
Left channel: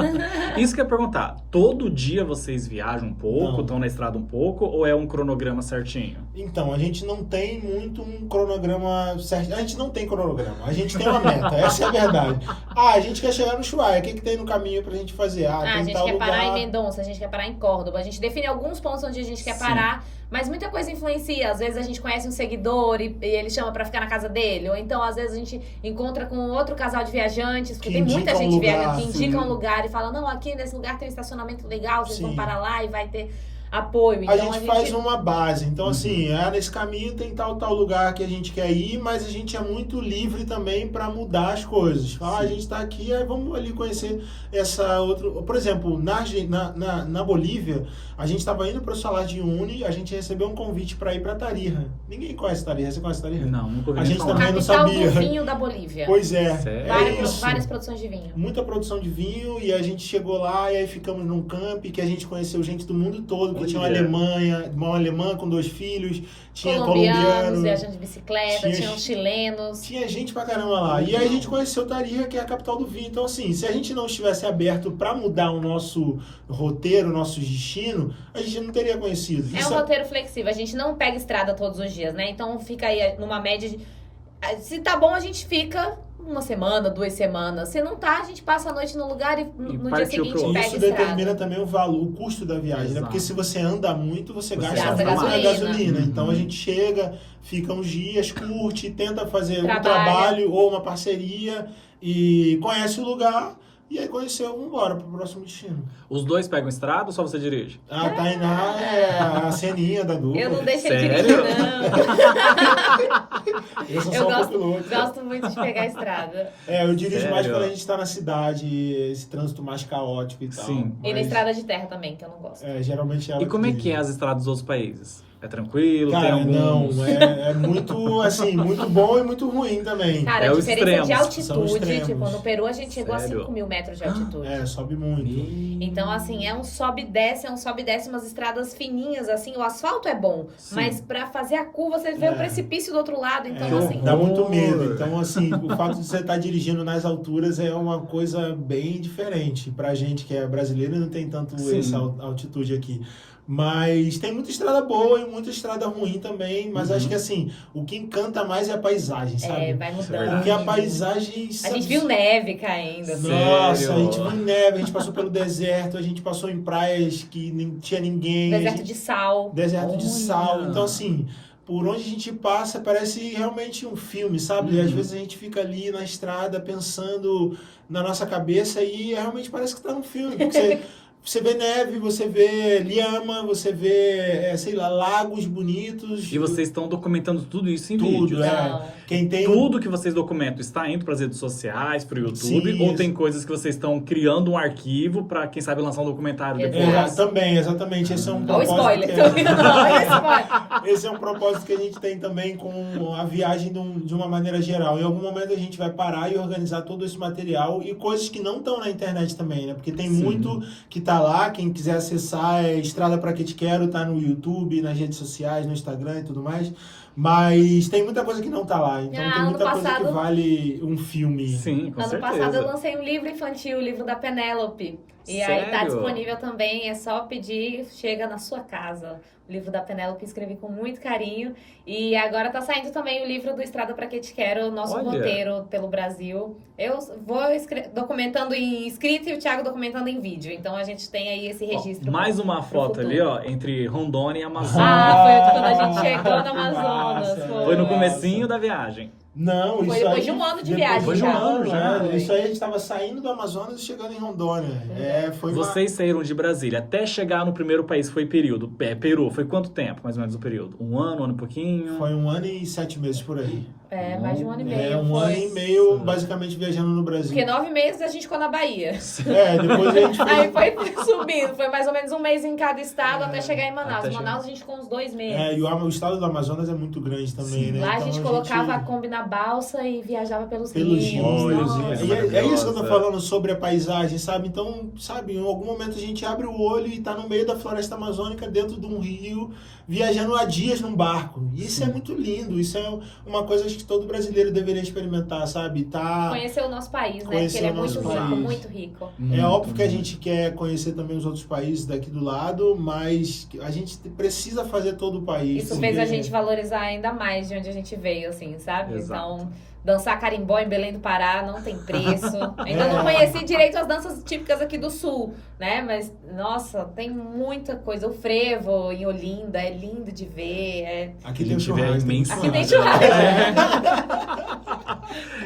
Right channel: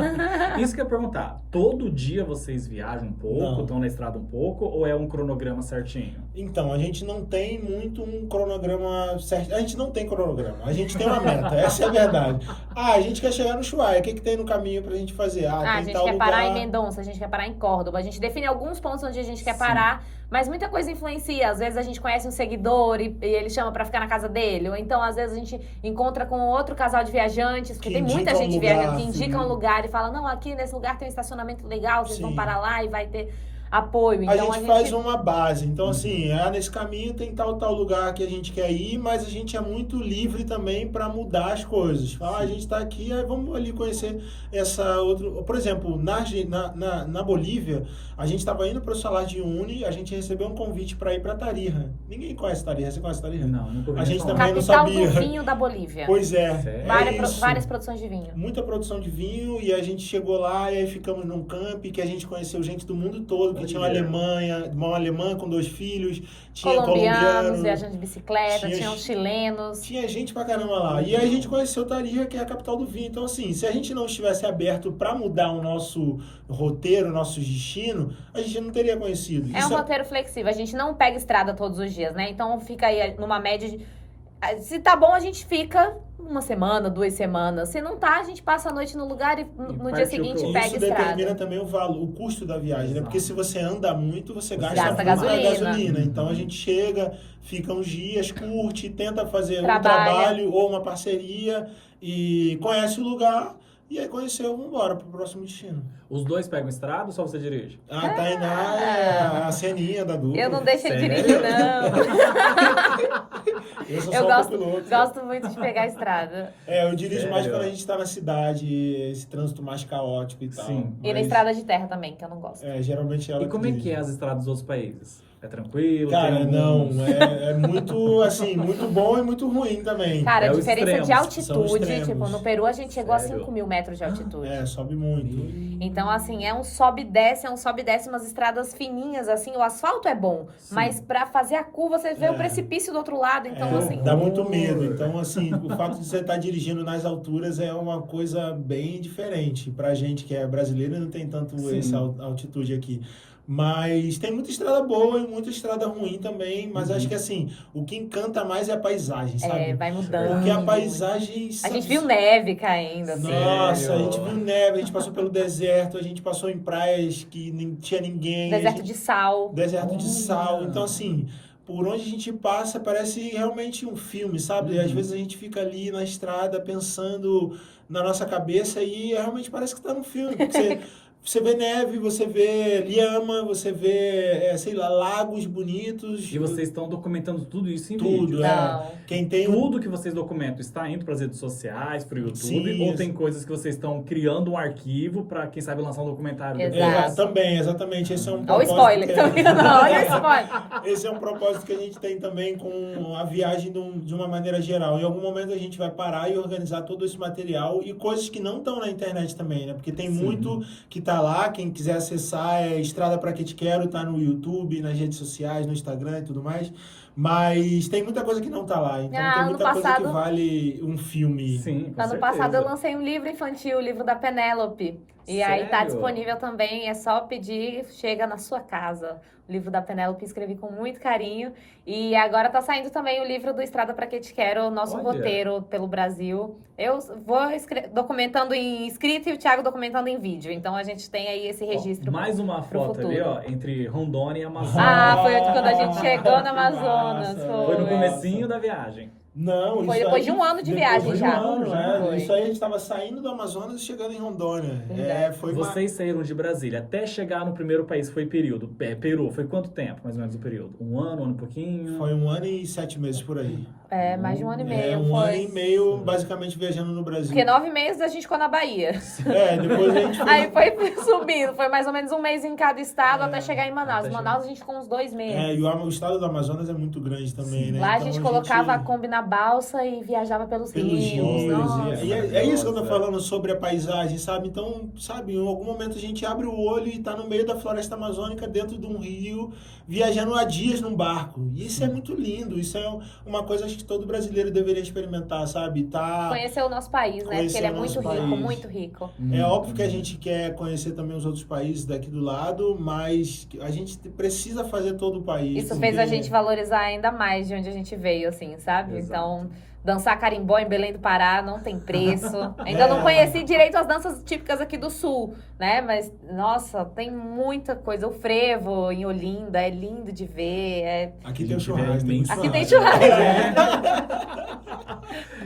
Isso que eu ia perguntar, todo dia vocês viajam um pouco, Não. estão na estrada um pouco, ou é um cronograma certinho? Então, a gente não tem muito um cronograma certo. A gente não tem cronograma, a gente tem uma meta, essa é a verdade. A gente quer chegar no Ushuaia, o que tem no caminho pra gente fazer? A Tem gente tal quer lugar... parar em Mendonça, a gente quer parar em Córdoba. A gente define alguns pontos onde a gente quer Sim. parar, mas muita coisa influencia. Às vezes a gente conhece um seguidor e ele chama pra ficar na casa dele. Ou então, às vezes, a gente encontra com outro casal de viajantes, porque Que tem muita indica gente um lugar, viajando que indica sim. um lugar e fala, não, aqui nesse lugar tem um estacionamento legal, vocês vão Sim. parar lá e vai ter apoio. A Então, gente faz uma base, então assim, Uhum. nesse caminho tem tal lugar que a gente quer ir, mas a gente é muito livre também para mudar as coisas. Falar, a gente tá aqui, aí vamos ali conhecer essa outra... Por exemplo, na Bolívia, a gente estava indo para o Salar de Uyuni, a gente recebeu um convite para ir para Tarija. Ninguém conhece Tarija, você conhece Tarija? Não, nunca ouvi A gente falar. também não capital sabia. do vinho da Bolívia. Pois é, Sério? isso. Várias produções de vinho. Muita produção de vinho, e a gente chegou lá e aí ficamos num camp que a gente conheceu gente do mundo todo, que tinha uma alemã com 2 filhos, tinha Colombianos, viajando de bicicleta, tinha- tinham chilenos. tinha gente pra caramba lá. E aí a gente conheceu Tarija, que é a capital do vinho. Então assim, se a gente não estivesse aberto pra mudar o nosso roteiro, o nosso destino, a gente não teria conhecido. É um roteiro flexível, a gente não pega estrada todos os dias, né? Então fica aí numa média de... Se tá bom, a gente fica 1 semana, 2 semanas. Se não tá, a gente passa a noite no lugar e no dia partiu seguinte pro- pega Isso estrada. determina também o valor, o custo da viagem, né? Exato. Porque se você anda muito, você Você gasta gasta muito gasolina. Então a Uhum. gente chega, fica uns dias, curte, tenta fazer um Trabalha. trabalho ou uma parceria e conhece o lugar. E aí conheceu, vamos embora pro próximo destino. Os dois pegam estrada ou só você dirige? A Tainá é a ceninha da dupla. Eu não deixo ele Sério? dirigir, não. Eu sou Eu só gosto, copiloto. gosto muito de pegar a estrada. Eu dirijo mais Sério? quando a gente tá na cidade, esse trânsito mais caótico e tal. Sim. E na Mas, estrada de terra também, que eu não gosto. geralmente ela E como é dirige. que é as estradas dos outros países? É tranquilo? Cara, tem não, alguns... é muito, assim, muito bom e muito ruim também. Cara, É a os diferença de extremos, são altitude, extremos. tipo, no Peru a gente chegou Sério? a 5.000 metros de altitude. Sobe muito. Então, assim, é um sobe e desce, umas estradas fininhas, assim, o asfalto é bom, Sim. mas pra fazer a curva você vê o precipício do outro lado, então, É, assim... dá muito medo. Então, assim, o fato de você estar dirigindo nas alturas é uma coisa bem diferente. Pra gente que é brasileiro, não tem tanto Sim. essa altitude aqui. Mas tem muita estrada boa e muita estrada ruim também. Mas acho que, assim, o que encanta mais é a paisagem, sabe? vai mudando. Porque a paisagem... A gente viu neve caindo, assim. Nossa, Sério? a gente viu neve, a gente passou pelo deserto, a gente passou em praias que nem tinha ninguém. Deserto de sal. Deserto de Olha. sal. Então, assim, por onde a gente passa parece realmente um filme, sabe? Às vezes a gente fica ali na estrada pensando na nossa cabeça e realmente parece que tá num filme. Porque você vê neve, você vê lhama, você vê, sei lá, lagos bonitos. E vocês estão documentando tudo isso em Tudo, vídeos. Não. Quem tem Tudo que vocês documentam está indo para as redes sociais, para o YouTube, Sim, ou isso. tem coisas que vocês estão criando um arquivo para, quem sabe, lançar um documentário depois? Exato. Também, exatamente. Esse é um Olha o propósito. spoiler. que Olha o spoiler. Esse é um propósito que a gente tem também com a viagem de uma maneira geral. Em algum momento a gente vai parar e organizar todo esse material e coisas que não estão na internet também, né? Porque tem Sim. muito que tá lá. Quem quiser acessar é Estrada Pra Que Te Quero, tá no YouTube, nas redes sociais, no Instagram e tudo mais. Mas tem muita coisa que não tá lá. Então tem ano muita coisa que passado- vale um filme. Sim, com Ano certeza. passado eu lancei um livro infantil, o livro da Penélope. E aí tá Sério? disponível também, é só pedir, chega na sua casa. O livro da Penélope escrevi com muito carinho. E agora tá saindo também o livro do Estrada Pra Que Te Quero, o nosso Olha. roteiro pelo Brasil. Eu vou documentando em escrito e o Thiago documentando em vídeo. Então a gente tem aí esse Ó, registro. mais uma pro foto futuro. ali, ó, entre Rondônia e Amazônia. Foi quando a gente chegou no que Amazonas. massa. Foi no Nossa. comecinho da viagem. Não, Foi isso depois aí- de um ano de depois viagem de já. Um ano, já. Foi. Isso aí a gente tava saindo do Amazonas e chegando em Rondônia. Foi uma... Vocês saíram de Brasília até chegar no primeiro país, foi período. Peru, foi quanto tempo, mais ou menos, o período? Um ano e pouquinho? Foi 1 ano e 7 meses por aí. Mais de um ano e meio. Um foi. ano e meio, basicamente, viajando no Brasil. Porque 9 meses a gente ficou na Bahia. Depois a gente foi... Aí foi subindo, foi mais ou menos um mês em cada estado até chegar em Manaus. até Manaus a gente ficou uns 2 meses. E o estado do Amazonas é muito grande também, Sim. né? Lá Então a gente colocava a Kombi na balsa e viajava pelos rios. Nossa. E é isso que eu tô maravilhosa. falando sobre a paisagem, sabe? Então, sabe, em algum momento a gente abre o olho e tá no meio da floresta amazônica, dentro de um rio, Rio, viajando há dias num barco. E isso é muito lindo, isso é uma coisa que todo brasileiro deveria experimentar, sabe? Conhecer o nosso país, né? Porque Conhecer ele é o nosso muito rico, país. muito rico. É óbvio que a gente quer conhecer também os outros países daqui do lado, mas a gente precisa fazer todo o país. Isso fez a gente valorizar ainda mais de onde a gente veio, assim, sabe? Exato. Então, dançar carimbó em Belém do Pará não tem preço. Ainda não conheci direito as danças típicas aqui do Sul, né? Mas, nossa, tem muita coisa. O frevo em Olinda é lindo de ver. Aqui A tem gente vê churrasco. imenso. Aqui tem churrasco.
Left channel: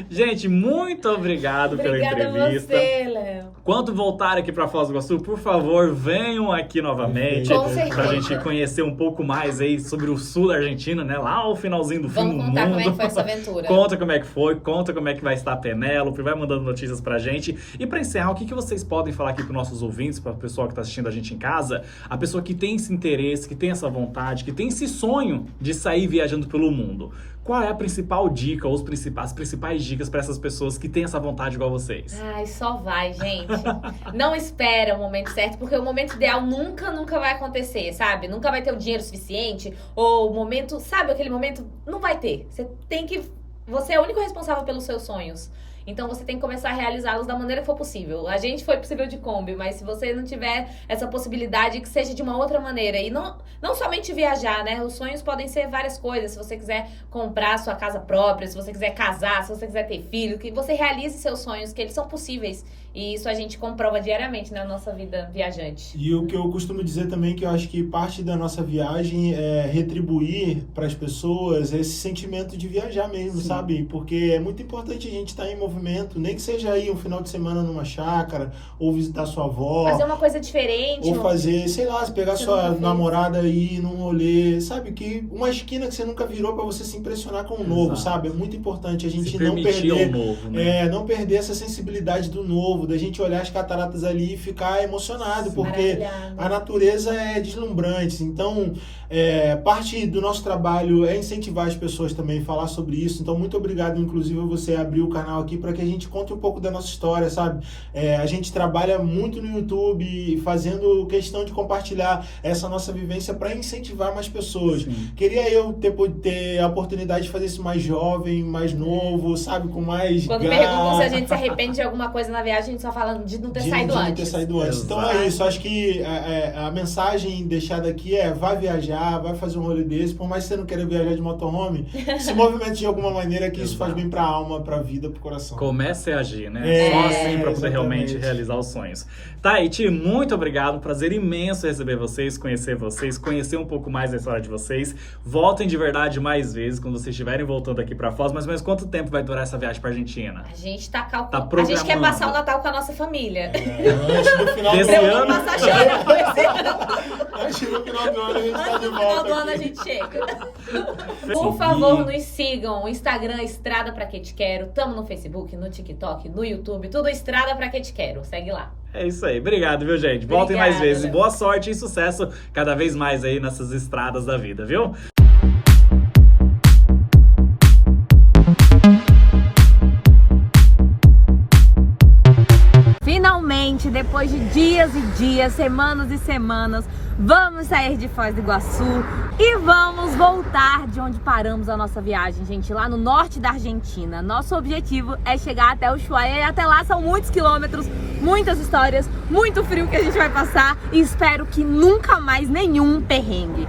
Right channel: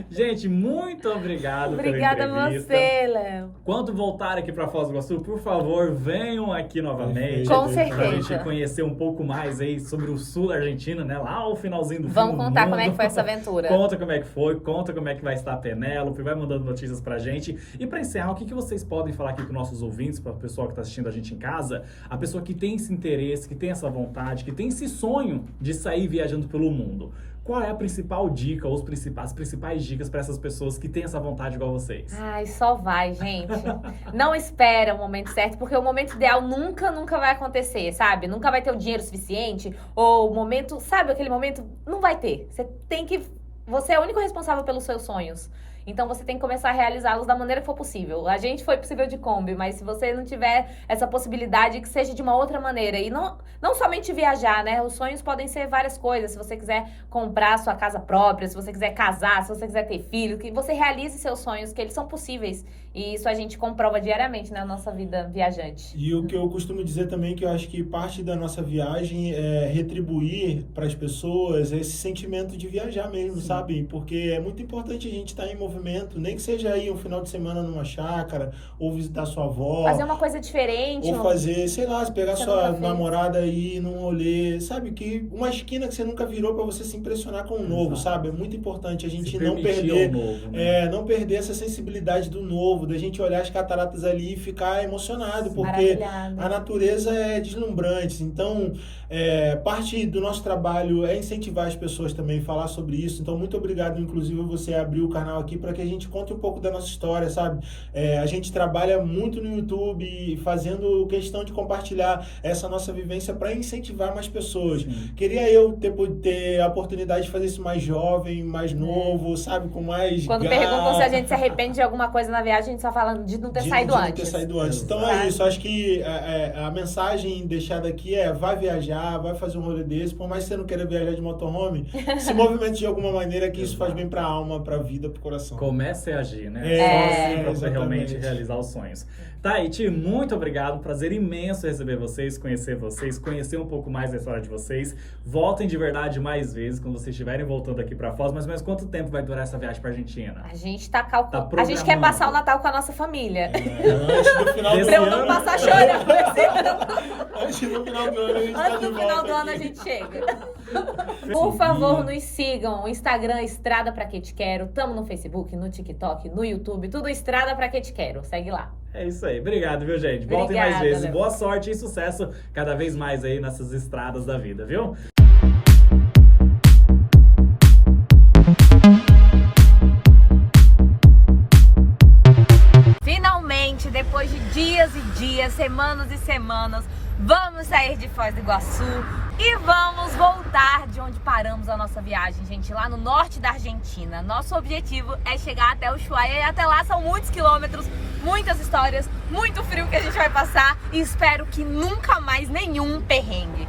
Gente, muito obrigado Obrigada pela a entrevista. você, Léo. Quando voltar aqui para Foz do Iguaçu, por favor, venham aqui novamente. Com Pra certeza. gente conhecer um pouco mais aí sobre o sul da Argentina, né? Lá o finalzinho do fim Vamos do contar mundo. como é que foi essa aventura. Conta como é que foi, conta como é que vai estar a Penélope, vai mandando notícias pra gente. E pra encerrar, o que vocês podem falar aqui pros nossos ouvintes, pra pessoa que tá assistindo a gente em casa, a pessoa que tem esse interesse, que tem essa vontade, que tem esse sonho de sair viajando pelo mundo. Qual é a principal dica ou as principais dicas pra essas pessoas que têm essa vontade igual vocês? Ai, só vai, gente. Não espera o momento certo, porque o momento ideal nunca vai acontecer, sabe? Nunca vai ter o dinheiro suficiente, ou o momento, sabe, aquele momento não vai ter. Você é o único responsável pelos seus sonhos. Então você tem que começar a realizá-los da maneira que for possível. A gente foi possível de Kombi, mas se você não tiver essa possibilidade, que seja de uma outra maneira. E não somente viajar, né? Os sonhos podem ser várias coisas. Se você quiser comprar sua casa própria, se você quiser casar, se você quiser ter filho, que você realize seus sonhos, que eles são possíveis. E isso a gente comprova diariamente na nossa vida viajante. E o que eu costumo dizer também, que eu acho que parte da nossa viagem é retribuir para as pessoas esse sentimento de viajar mesmo, sabe? Porque é muito importante a gente estar em movimento, nem que seja aí um final de semana numa chácara, ou visitar sua avó. Fazer uma coisa diferente. Ou fazer, sei lá, pegar Você sua nunca fez. namorada aí num rolê, sabe? Que uma esquina que você nunca virou para você se impressionar com o novo, Exato. sabe? É muito importante a gente Se não permitir perder. o novo, né? Não perder essa sensibilidade do novo, da gente olhar as cataratas ali e ficar emocionado, porque Maravilhado. a natureza é deslumbrante. Então, parte do nosso trabalho é incentivar as pessoas também a falar sobre isso. Então, muito obrigado, inclusive, você abrir o canal aqui para que a gente conte um pouco da nossa história, sabe? A gente trabalha muito no YouTube, fazendo questão de compartilhar essa nossa vivência para incentivar mais pessoas. Sim. Queria eu ter a oportunidade de fazer isso mais jovem, mais novo, sabe? Com mais Quando garra. perguntam se a gente se arrepende de alguma coisa na viagem, a gente só fala de não ter saído de antes. não ter saído antes. Então Exato. é isso, acho que a mensagem deixada aqui é: vai viajar, vai fazer um rolê desse, por mais que você não queira viajar de motorhome, se movimente de alguma maneira, que isso faz bem pra alma, pra vida, pro coração. Comece a agir, né? É, Só assim pra você exatamente. realmente realizar os sonhos. Taiti, muito obrigado. Prazer imenso receber vocês, conhecer um pouco mais da história de vocês. Voltem de verdade mais vezes quando vocês estiverem voltando aqui pra Foz. Mas quanto tempo vai durar essa viagem pra Argentina? A gente tá calculando. Tá A gente quer programando. passar o Natal com a nossa família. Antes do final Desse do Pra eu ano? não passar chorando esse ano. Antes do final do ano a gente tá Antes de do final volta do ano a aqui. gente chega. Por favor, nos sigam. O Instagram Estrada Pra Que Te Quero. Tamo no Facebook, no TikTok, no YouTube. Tudo Estrada Pra Que Te Quero. Segue lá. É isso aí. Obrigado, viu, gente? Voltem mais Obrigada, vezes. Léo. Boa sorte e sucesso cada vez mais aí nessas estradas da vida, viu? Finalmente, depois de dias e dias, semanas e semanas, vamos sair de Foz do Iguaçu e vamos voltar de onde paramos a nossa viagem, gente, lá no norte da Argentina. Nosso objetivo é chegar até Ushuaia e até lá são muitos quilômetros, muitas histórias, muito frio que a gente vai passar e espero que nunca mais nenhum perrengue.